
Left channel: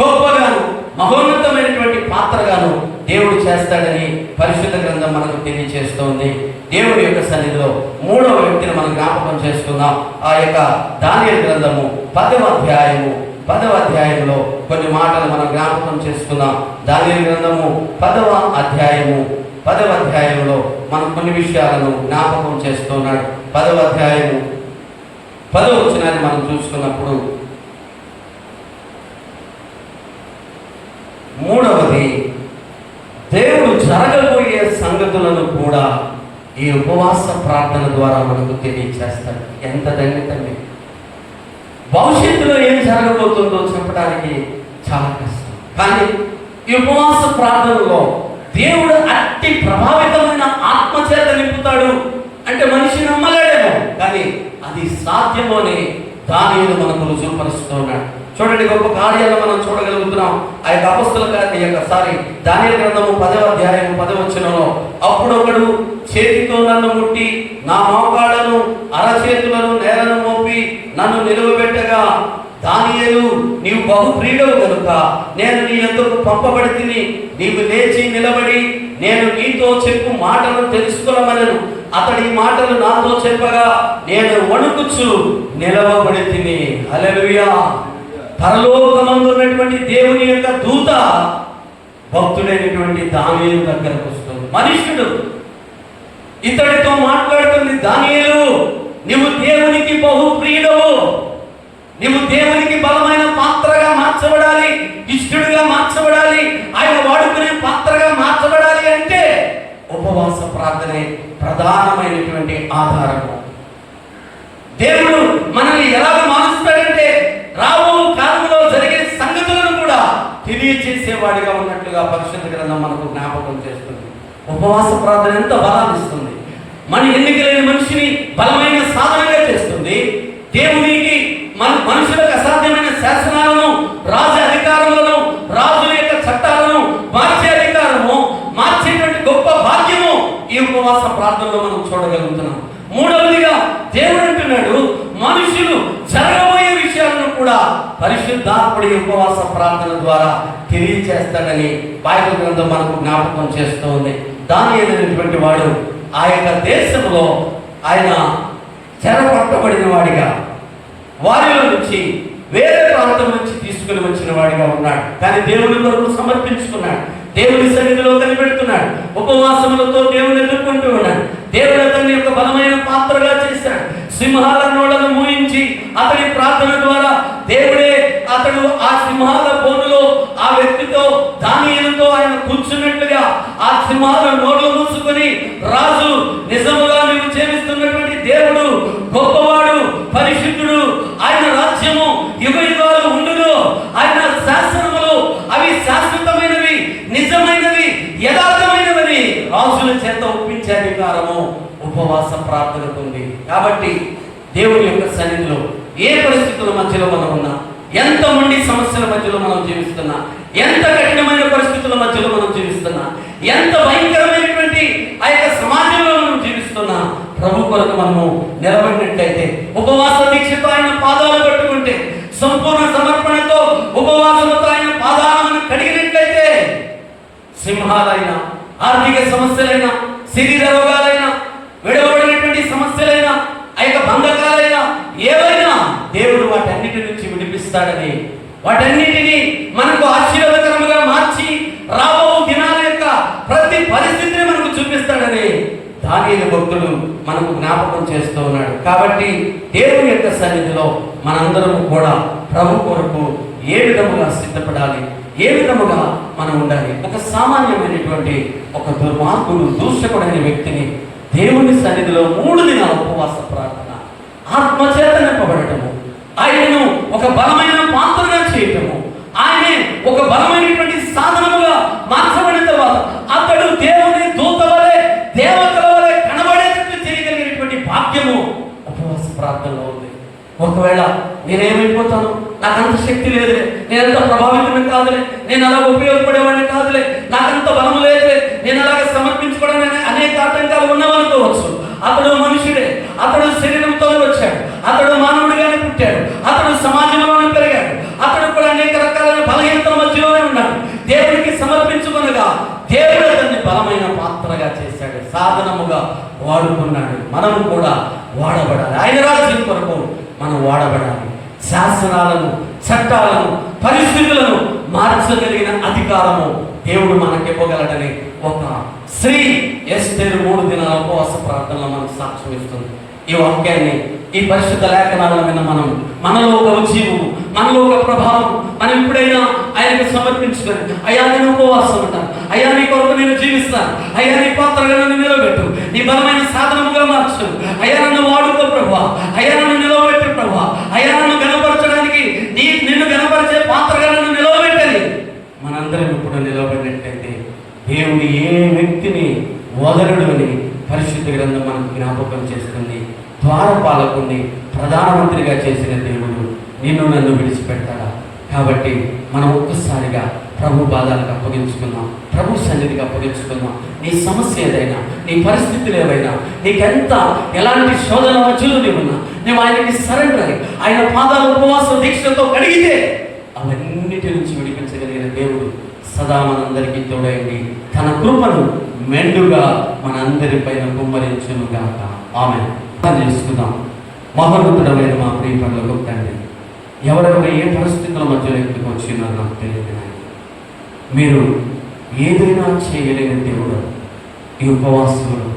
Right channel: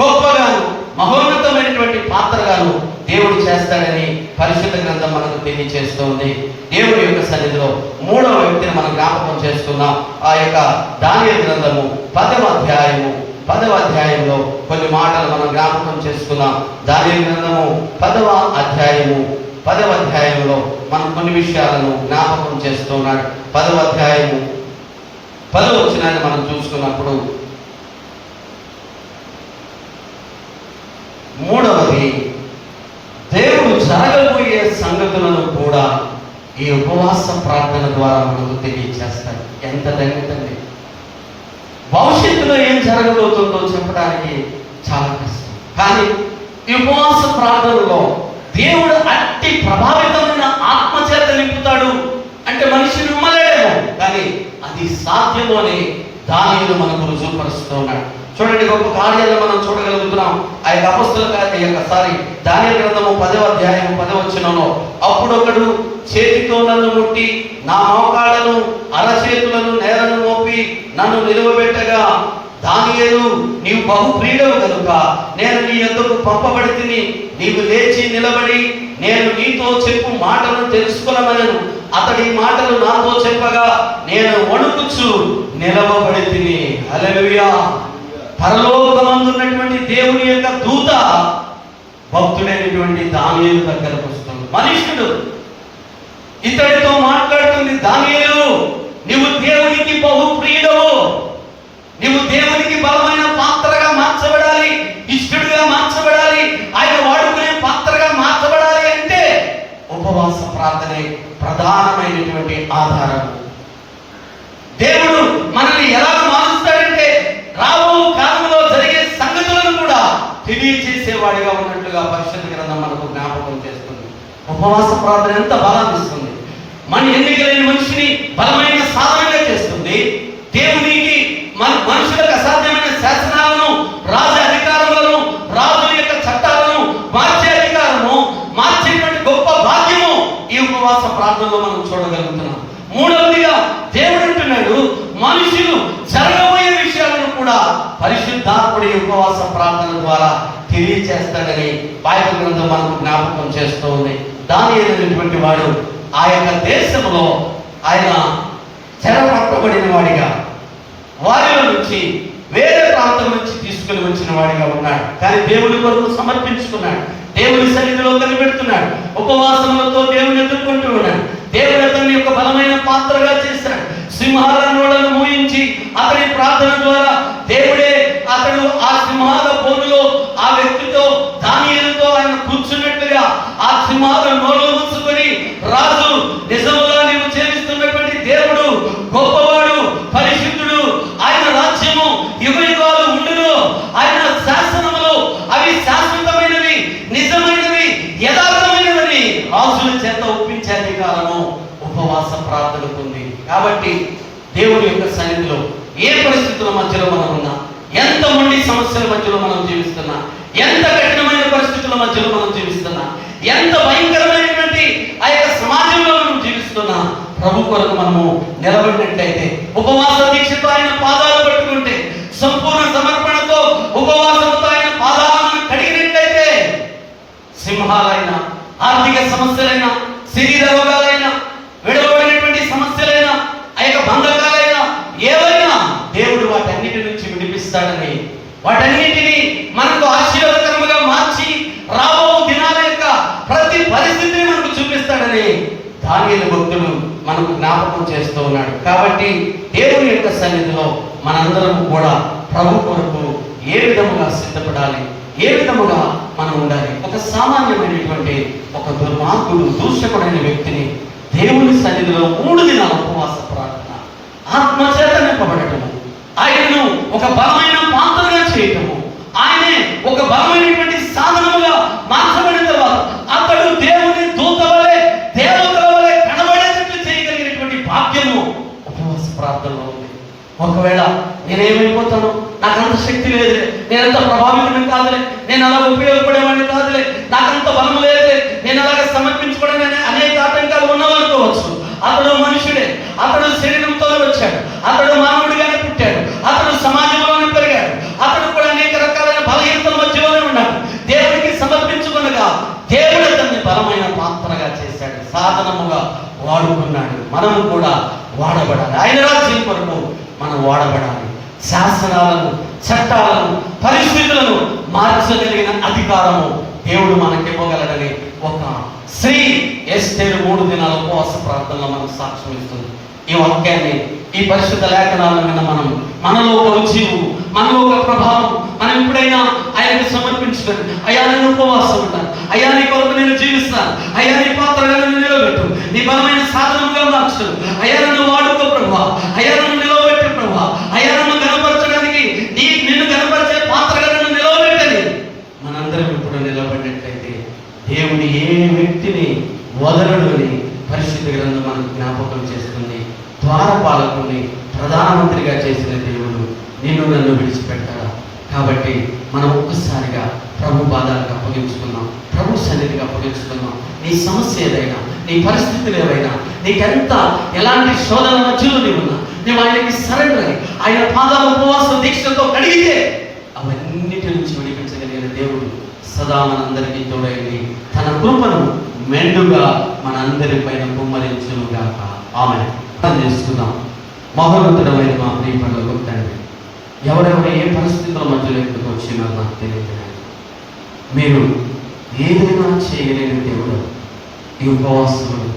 గొప్పగాను, మహోన్నతమైనటువంటి పాత్రగాను దేవుడు చేస్తాడని పరిశుద్ధ గ్రంథం మనకు తెలియజేస్తోంది. దేవుడి యొక్క సన్నిధిలో 3వ వ్యక్తిని మనం జ్ఞాపకం చేసుకుందాం. ఆ యొక్క దానియేలు గ్రంథము 10వ అధ్యాయంలో కొన్ని మాటలు మనం జ్ఞాపకం చేసుకుందాం. దానియేలు గ్రంథము 10వ అధ్యాయంలో మనం కొన్ని విషయాలను జ్ఞాపకం చేస్తున్నాడు. 10వ అధ్యాయము 10వ వచనాన్ని మనం చూసుకున్నప్పుడు, 3వది దేవుడు జరగబోయే సంగతులను కూడా ఈ ఉపవాస ప్రార్థన ద్వారా మనకు తెలియజేస్తాడు. ఎంత ధన్యతండి! భవిష్యత్తులో ఏం జరగబోతుందో చెప్పడానికి చాలా కష్టం, కానీ ఈ ఉపవాస ప్రార్థనలో దేవుడు అట్టి ప్రభావితమైన ఆత్మచేత నింపుతాడు అంటే మనిషి నమ్మలేడేమో, కానీ అది సాధ్యమో అని దానియేలు మనకు రుజువుపరుస్తూ ఉన్నాడు. చూడండి, గొప్ప కార్యాలను మనం చూడగలుగుతున్నాం. ఆ యొక్క అపొస్తలుల దానియేలు గ్రంథము 10వ అధ్యాయం 10వ వచనంలో, అప్పుడు ఒకడు చేతితో నన్ను ముట్టి నా మోకాళ్ళను అరచేతులను నేలను మోపి నన్ను నిలువబెట్టగా, దానియేలు నీవు బహు ప్రియుడవు కనుక నేను నీ యొద్దకు పంపబడి తిని, నీవు లేచి నిలబడి నేను నీతో చెప్పు మాటలను తెలుసుకొనమనెను. అతడి మాటలు నాతో చెప్పగా నేను వణుకుచు నిలవబడి తిని. హల్లెలూయా. పరలోకమందున్నటువంటి దేవుని యొక్క దూత భక్తుడైనటువంటి దానియేలు దగ్గరకు వస్తుంది. మనుష్యుడు ఇతడితో మాట్లాడుతుంది, దానియేలు నీవు దేవునికి బహు ప్రియుడవు, ప్రార్థనే ప్రధానమైనటువంటి ఆధారము. దేవుడు మనల్ని ఎలా మారుస్తాడంటే రాబో కాలంలో జరిగే సంగతులను కూడా తెలియజేసేవాడిగా ఉన్నట్లుగా పరిశుద్ధ గ్రంథం మనకు జ్ఞాపకం చేస్తుంది. ఉపవాస ప్రార్థన ఎంత బలాన్ని ఇస్తుంది. మన ఎన్నికలైన మనిషిని బలమైన సాధనగా చేస్తుంది. దేవునికి మనుషులకు అసాధ్యమైన శాసనాలను, రాజు అధికారములను, రాజుల యొక్క చట్టాలను మార్చే అధికారము, మార్చేటువంటి గొప్ప భాగ్యము ఈ ఉపవాస ప్రార్థనలో మనం చూడగలుగుతున్నాం. మూడవదిగా దేవుడు అంటున్నాడు, మనుషులు జరగబోయే విషయాలను కూడా పరిశుద్ధాత్ముడి ఉపవాస ప్రార్థన ద్వారా తెలియజేస్తాడని బైబిల్ గ్రంథం మనకు జ్ఞాపకం చేస్తూ ఉంది. దానియేలు వాడు ఆ యొక్క దేశంలో ఆయన చెరపట్టబడిన వాడిగా, వారిలో నుంచి వేరే ప్రాంతం నుంచి తీసుకుని వచ్చిన వాడిగా ఉన్నాడు. కానీ దేవుడి కొరకు సమర్పించుకున్నాడు, దేవుడి సన్నిధిలో కనిపెడుతున్నాడు, ఉపవాసములతో దేవుని ఎదుర్కొంటూ ఉన్నాడు. దేవుడు అతన్ని యొక్క బలమైన పాత్రగా చేశాడు. సింహాల నోడను మూయించి అతని ప్రార్థన ద్వారా దేవుడే అతడు ఆ సింహాల బోనులో ఆ వ్యక్తితో దానియేలుతో ఆయన కూర్చున్నట్లుగా ఆ సింహాల నోడలు మూసుకొని, రాజు నిజముగా నీవు చేస్తున్నటువంటి దేవుడు గొప్పవాడు, పరిశుద్ధుడు, ఆయన రాజ్యము యుగయుగాలు ఉండును, ఆయన శాసనములు అవి శాశ్వతమైనవి, నిజమైనవి, యథార్థమైనవి రాజుల చేత ఒప్పించే అధికారము ఉపవాస ప్రార్థనకు ఉంది. కాబట్టి దేవుని యొక్క సన్నిధిలో ఏ పరిస్థితుల మధ్యలో మనం ఉన్నా, ఎంత మంది సమస్యల మధ్యలో మనం జీవిస్తున్నా, ఎంత కఠినమైన పరిస్థితుల మధ్యలో మనం జీవిస్తున్నా, ఎంత భయంకరమైనటువంటి ఆ యొక్క సమాజంలో మనం జీవిస్తున్నా, ప్రభు కొరకు మనము నిలబడినట్లయితే, ఉపవాస దీక్షతో ఆయన పాదాలు పట్టుకుంటే, సంపూర్ణ సమర్పణతో ఉపవాసంతో ఆయన పాదాలను కడిగినట్లయితే, సింహాలైనా, ఆర్థిక సమస్యలైనా, శరీర రోగాలైనా, విడవబడినటువంటి సమస్యలైనా, ఆ యొక్క బంధకాలైనా, ఏవైనా దేవుడు వాటన్నిటి నుంచి విడిపిస్తాడని, వాటన్నిటినీ మనకు ఆశీర్వాదకరముగా మార్చి రాబో దినాల యొక్క ప్రతి పరిస్థితిని మనకు చూపిస్తాడని దానియేలు భక్తుడు మనకు జ్ఞాపకం చేస్తూ ఉన్నాడు. కాబట్టి దేవుని యొక్క సన్నిధిలో మనందరం కూడా ప్రభు కొరకు ఏ విధముగా సిద్ధపడాలి, ఏ విధముగా మనం ఉండాలి. ఒక సామాన్యమైనటువంటి ఒక దుర్మార్గుడు, దూషకుడైన వ్యక్తిని దేవుని సన్నిధిలో 3 దినాల ఉపవాస ప్రార్థన, ఆత్మచేత నింపబడటము, ఆయనను ఒక బలమైన పాత్రగా చేయటము, ఆయనే ఒక బలమైనటువంటి సాధనముగా మార్చబడిన తర్వాత అతడు దేవుని దూత వలె, దేవతల వలె కనబడేటట్టు చేయగలిగినటువంటి భాగ్యము ఉపవాస ప్రార్థనలో ఉంది. ఒకవేళ నేనేమైపోతాను, నాకంత శక్తి లేదులే, నేనంత ప్రభావితం కాదులే, నేను అలా ఉపయోగపడేవాడిని కాదులే, నాకంత బలము లేదులే, నేను అలాగ సమర్పించుకోవడానికి అనేక ఆటంకాలు ఉన్నవనుకోవచ్చు. అతడు మనుషుడే, అతడు శరీరంతో వచ్చాడు, అతడు మానవుడిగానే పుట్టాడు, అతడు సమాజంలోనే పెరిగాడు, అతడు కూడా అనేక రకాలైన బలహీనతల మధ్యలోనే ఉన్నాడు. దేవుడికి సమర్పించుకొనగా దేవుడు అతన్ని బలమైన పాత్రగా చేశాడు, సాధనముగా వాడుకున్నాడు. మనము కూడా వాడబడాలి, ఆయన రాజ్యం కొరకు మనం వాడబడాలి. శాసనాలను, చట్టాలను, పరిస్థితులను మార్చగలిగిన అధికారము దేవుడు మనకి ఇవ్వగలడని ఒక స్త్రీ ఎస్తేరు 3 దినాల ఉపవాస ప్రార్థనలో మనకు సాక్ష్యం ఇస్తుంది. ఈ వాక్యాన్ని, ఈ పరిశుద్ధ లేఖనాల మీద మనలో ఒక రుచివు, మనలో ఒక ప్రభావం, మనం ఎప్పుడైనా ఆయనకు సమర్పించుకొని, అయ్యా నేను ఉపవాసం ఉంటాను, అయ్యా నీ కొరకు నేను జీవిస్తాను, అయ్యా నీ పాత్రగా నన్ను నిలబెట్టు, నీ బలమైన సాధనముగా మార్చు, అయ్యా నన్ను వాడుకో ప్రభా, అయ్యా నన్ను నిలబెట్టు ప్రభా, అయ్యా నన్ను కనపరచడానికి నిన్ను కనపరిచే పాత్రగా నన్ను నిలబెట్టని మనందరం ఇప్పుడు నిలబడినట్లయితే దేవుడు ఏ వ్యక్తిని వదలడు అని పరిశుద్ధ గ్రంథం మనకు జ్ఞాపకం చేస్తుంది. ద్వారపాలకుని ప్రధానమంత్రిగా చేసిన దేవుడు నిన్ను నన్ను విడిచిపెట్టాలా? కాబట్టి మనం ఒక్కసారిగా ప్రభు పాదాలకు అప్పగించుకున్నాం, ప్రభు సన్నిధికి అప్పగించుకున్నాం. నీ సమస్య ఏదైనా, నీ పరిస్థితులు ఏవైనా, నీకెంత ఎలాంటి శోధన మధ్యలో నీవున్నా, నువ్వు ఆయనకి సరెండర్ అయ్యి ఆయన పాదాల ఉపవాస దీక్షతో కడిగితే అవన్నిటి నుంచి విడిపించగలిగిన దేవుడు సదా మనందరికీ తోడైంది తన కృపను మెండుగా మనందరి పైన కుమ్మరించునుగాక. ఆమేన్. చేసుకుందాం. మహోన్నతుడమైన మా ప్రియపరులకు తండ్రి, ఎవరెవరు ఏ పరిస్థితుల మధ్యలో ఎందుకు వచ్చినా నాకు తెలియదు. మీరు ఏదైనా చేయలేని దేవుడు. ఈ ఉపవాసంలో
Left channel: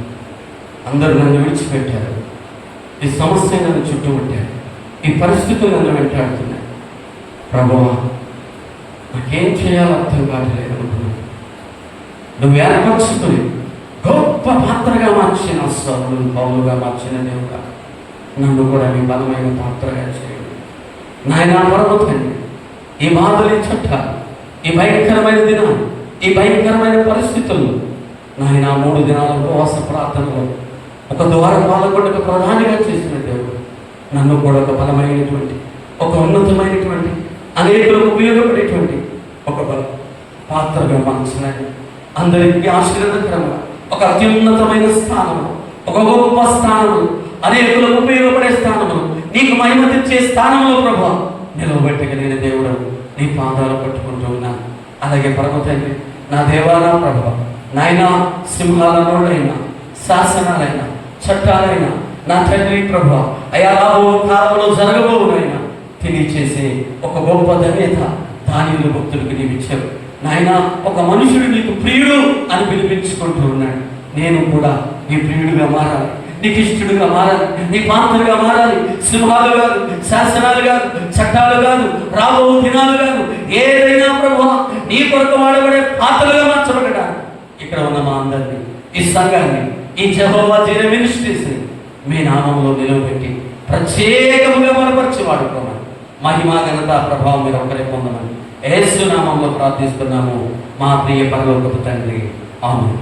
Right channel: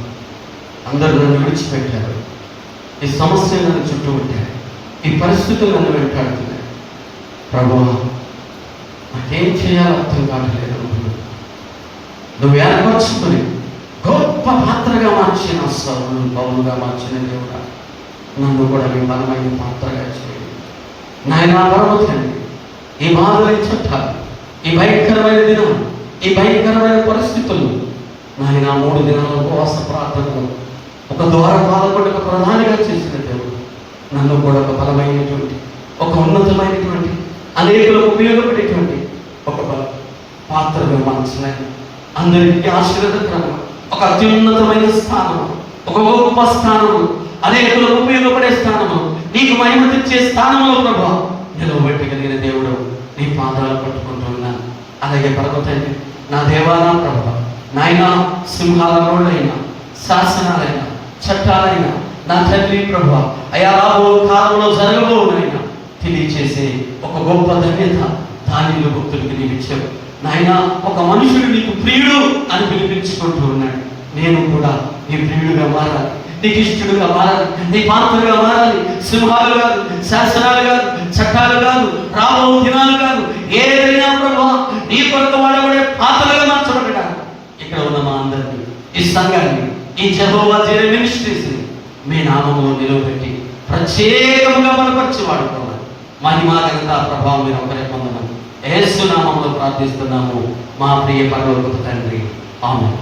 అందరూ నన్ను విడిచిపెట్టారు, ఈ సమస్య నన్ను చుట్టుముట్టారు, ఈ పరిస్థితులు నన్ను వెంటాడుతున్నాయి. ప్రభువా, నాకేం చేయాలో అర్థం కావట్లేదు. నువ్వు ఏర్పరచుకొని గొప్ప పాత్రగా మార్చిన సౌలు పౌలుగా మార్చిన దేవుడా, నన్ను కూడా నీ బలమైన పాత్రగా చేయండి నాయన. పరమ తండ్రి, ఈ బాధలు, ఈ చట్టాలు, ఈ భయంకరమైన దినం, ఈ భయంకరమైన పరిస్థితుల్లో నాయన 3 దినాల ఉపవాస ప్రార్థనలో ఒక ద్వారపాలకుడు, ఒక ప్రధానిగా చేసిన దేవుడు, నన్ను కూడా ఒక బలమైనటువంటి, ఒక ఉన్నతమైనటువంటి, అనేకులకు ఉపయోగపడేటువంటి ఒక పాత్రగా మార్చలేక, అందరికీ ఆశీర్వాదకరంగా ఒక అత్యున్నతమైన స్థానము, ఒక గొప్ప స్థానము, అనేకులకు ఉపయోగపడే స్థానము, నీకు మహిమ తెచ్చే స్థానంలో ప్రభా నిలవబెట్టగలిగిన దేవుడు నీ పాదాలు పట్టుకుంటున్నాను. అలాగే పరమ తండ్రి, నా దేవా, నా ప్రభా నాయన, సింహాలైనా, శాసనాలైనా, చట్టాలైనా నా తండ్రి ప్రభా అయా రాబో కాలంలో జరగబోనైనా తెలియచేసే ఒక గొప్ప ధన్యత దానిలో భక్తులకి నీవు ఇచ్చావు నాయన. ఒక మనుషుడు నీకు ప్రియుడు అని పిలిపించుకుంటూ ఉన్నాడు. నేను కూడా నీ ప్రియుడుగా మారాలి, నీకు ఇష్టడుగా మారాలి, నీ పాత్రగా మారాలి. సింహాలు కాదు, శాసనాలు కాదు, చట్టాలు కాదు, రాబో దినాలు కాదు, ఏదైనా ప్రభా నీ కొరకు వాడబడే పాత్రగా మార్చబడ్డాడు. ఇక్కడ ఉన్న మా అందరినీ, ఈ సంఘాన్ని, ఈ యెహోవా జీరే మినిస్ట్రీస్ని మీ నామంలో నిలవబెట్టి ప్రత్యేకముగా బలపరిచి వాడుకున్నాను. మహిమా ఘనత ప్రభావం మీరు ఒకరే పొందమని యేసు నామంలో ప్రార్థిస్తున్నాము మా ప్రియ పరలోకపు తండ్రి. ఆమేన్.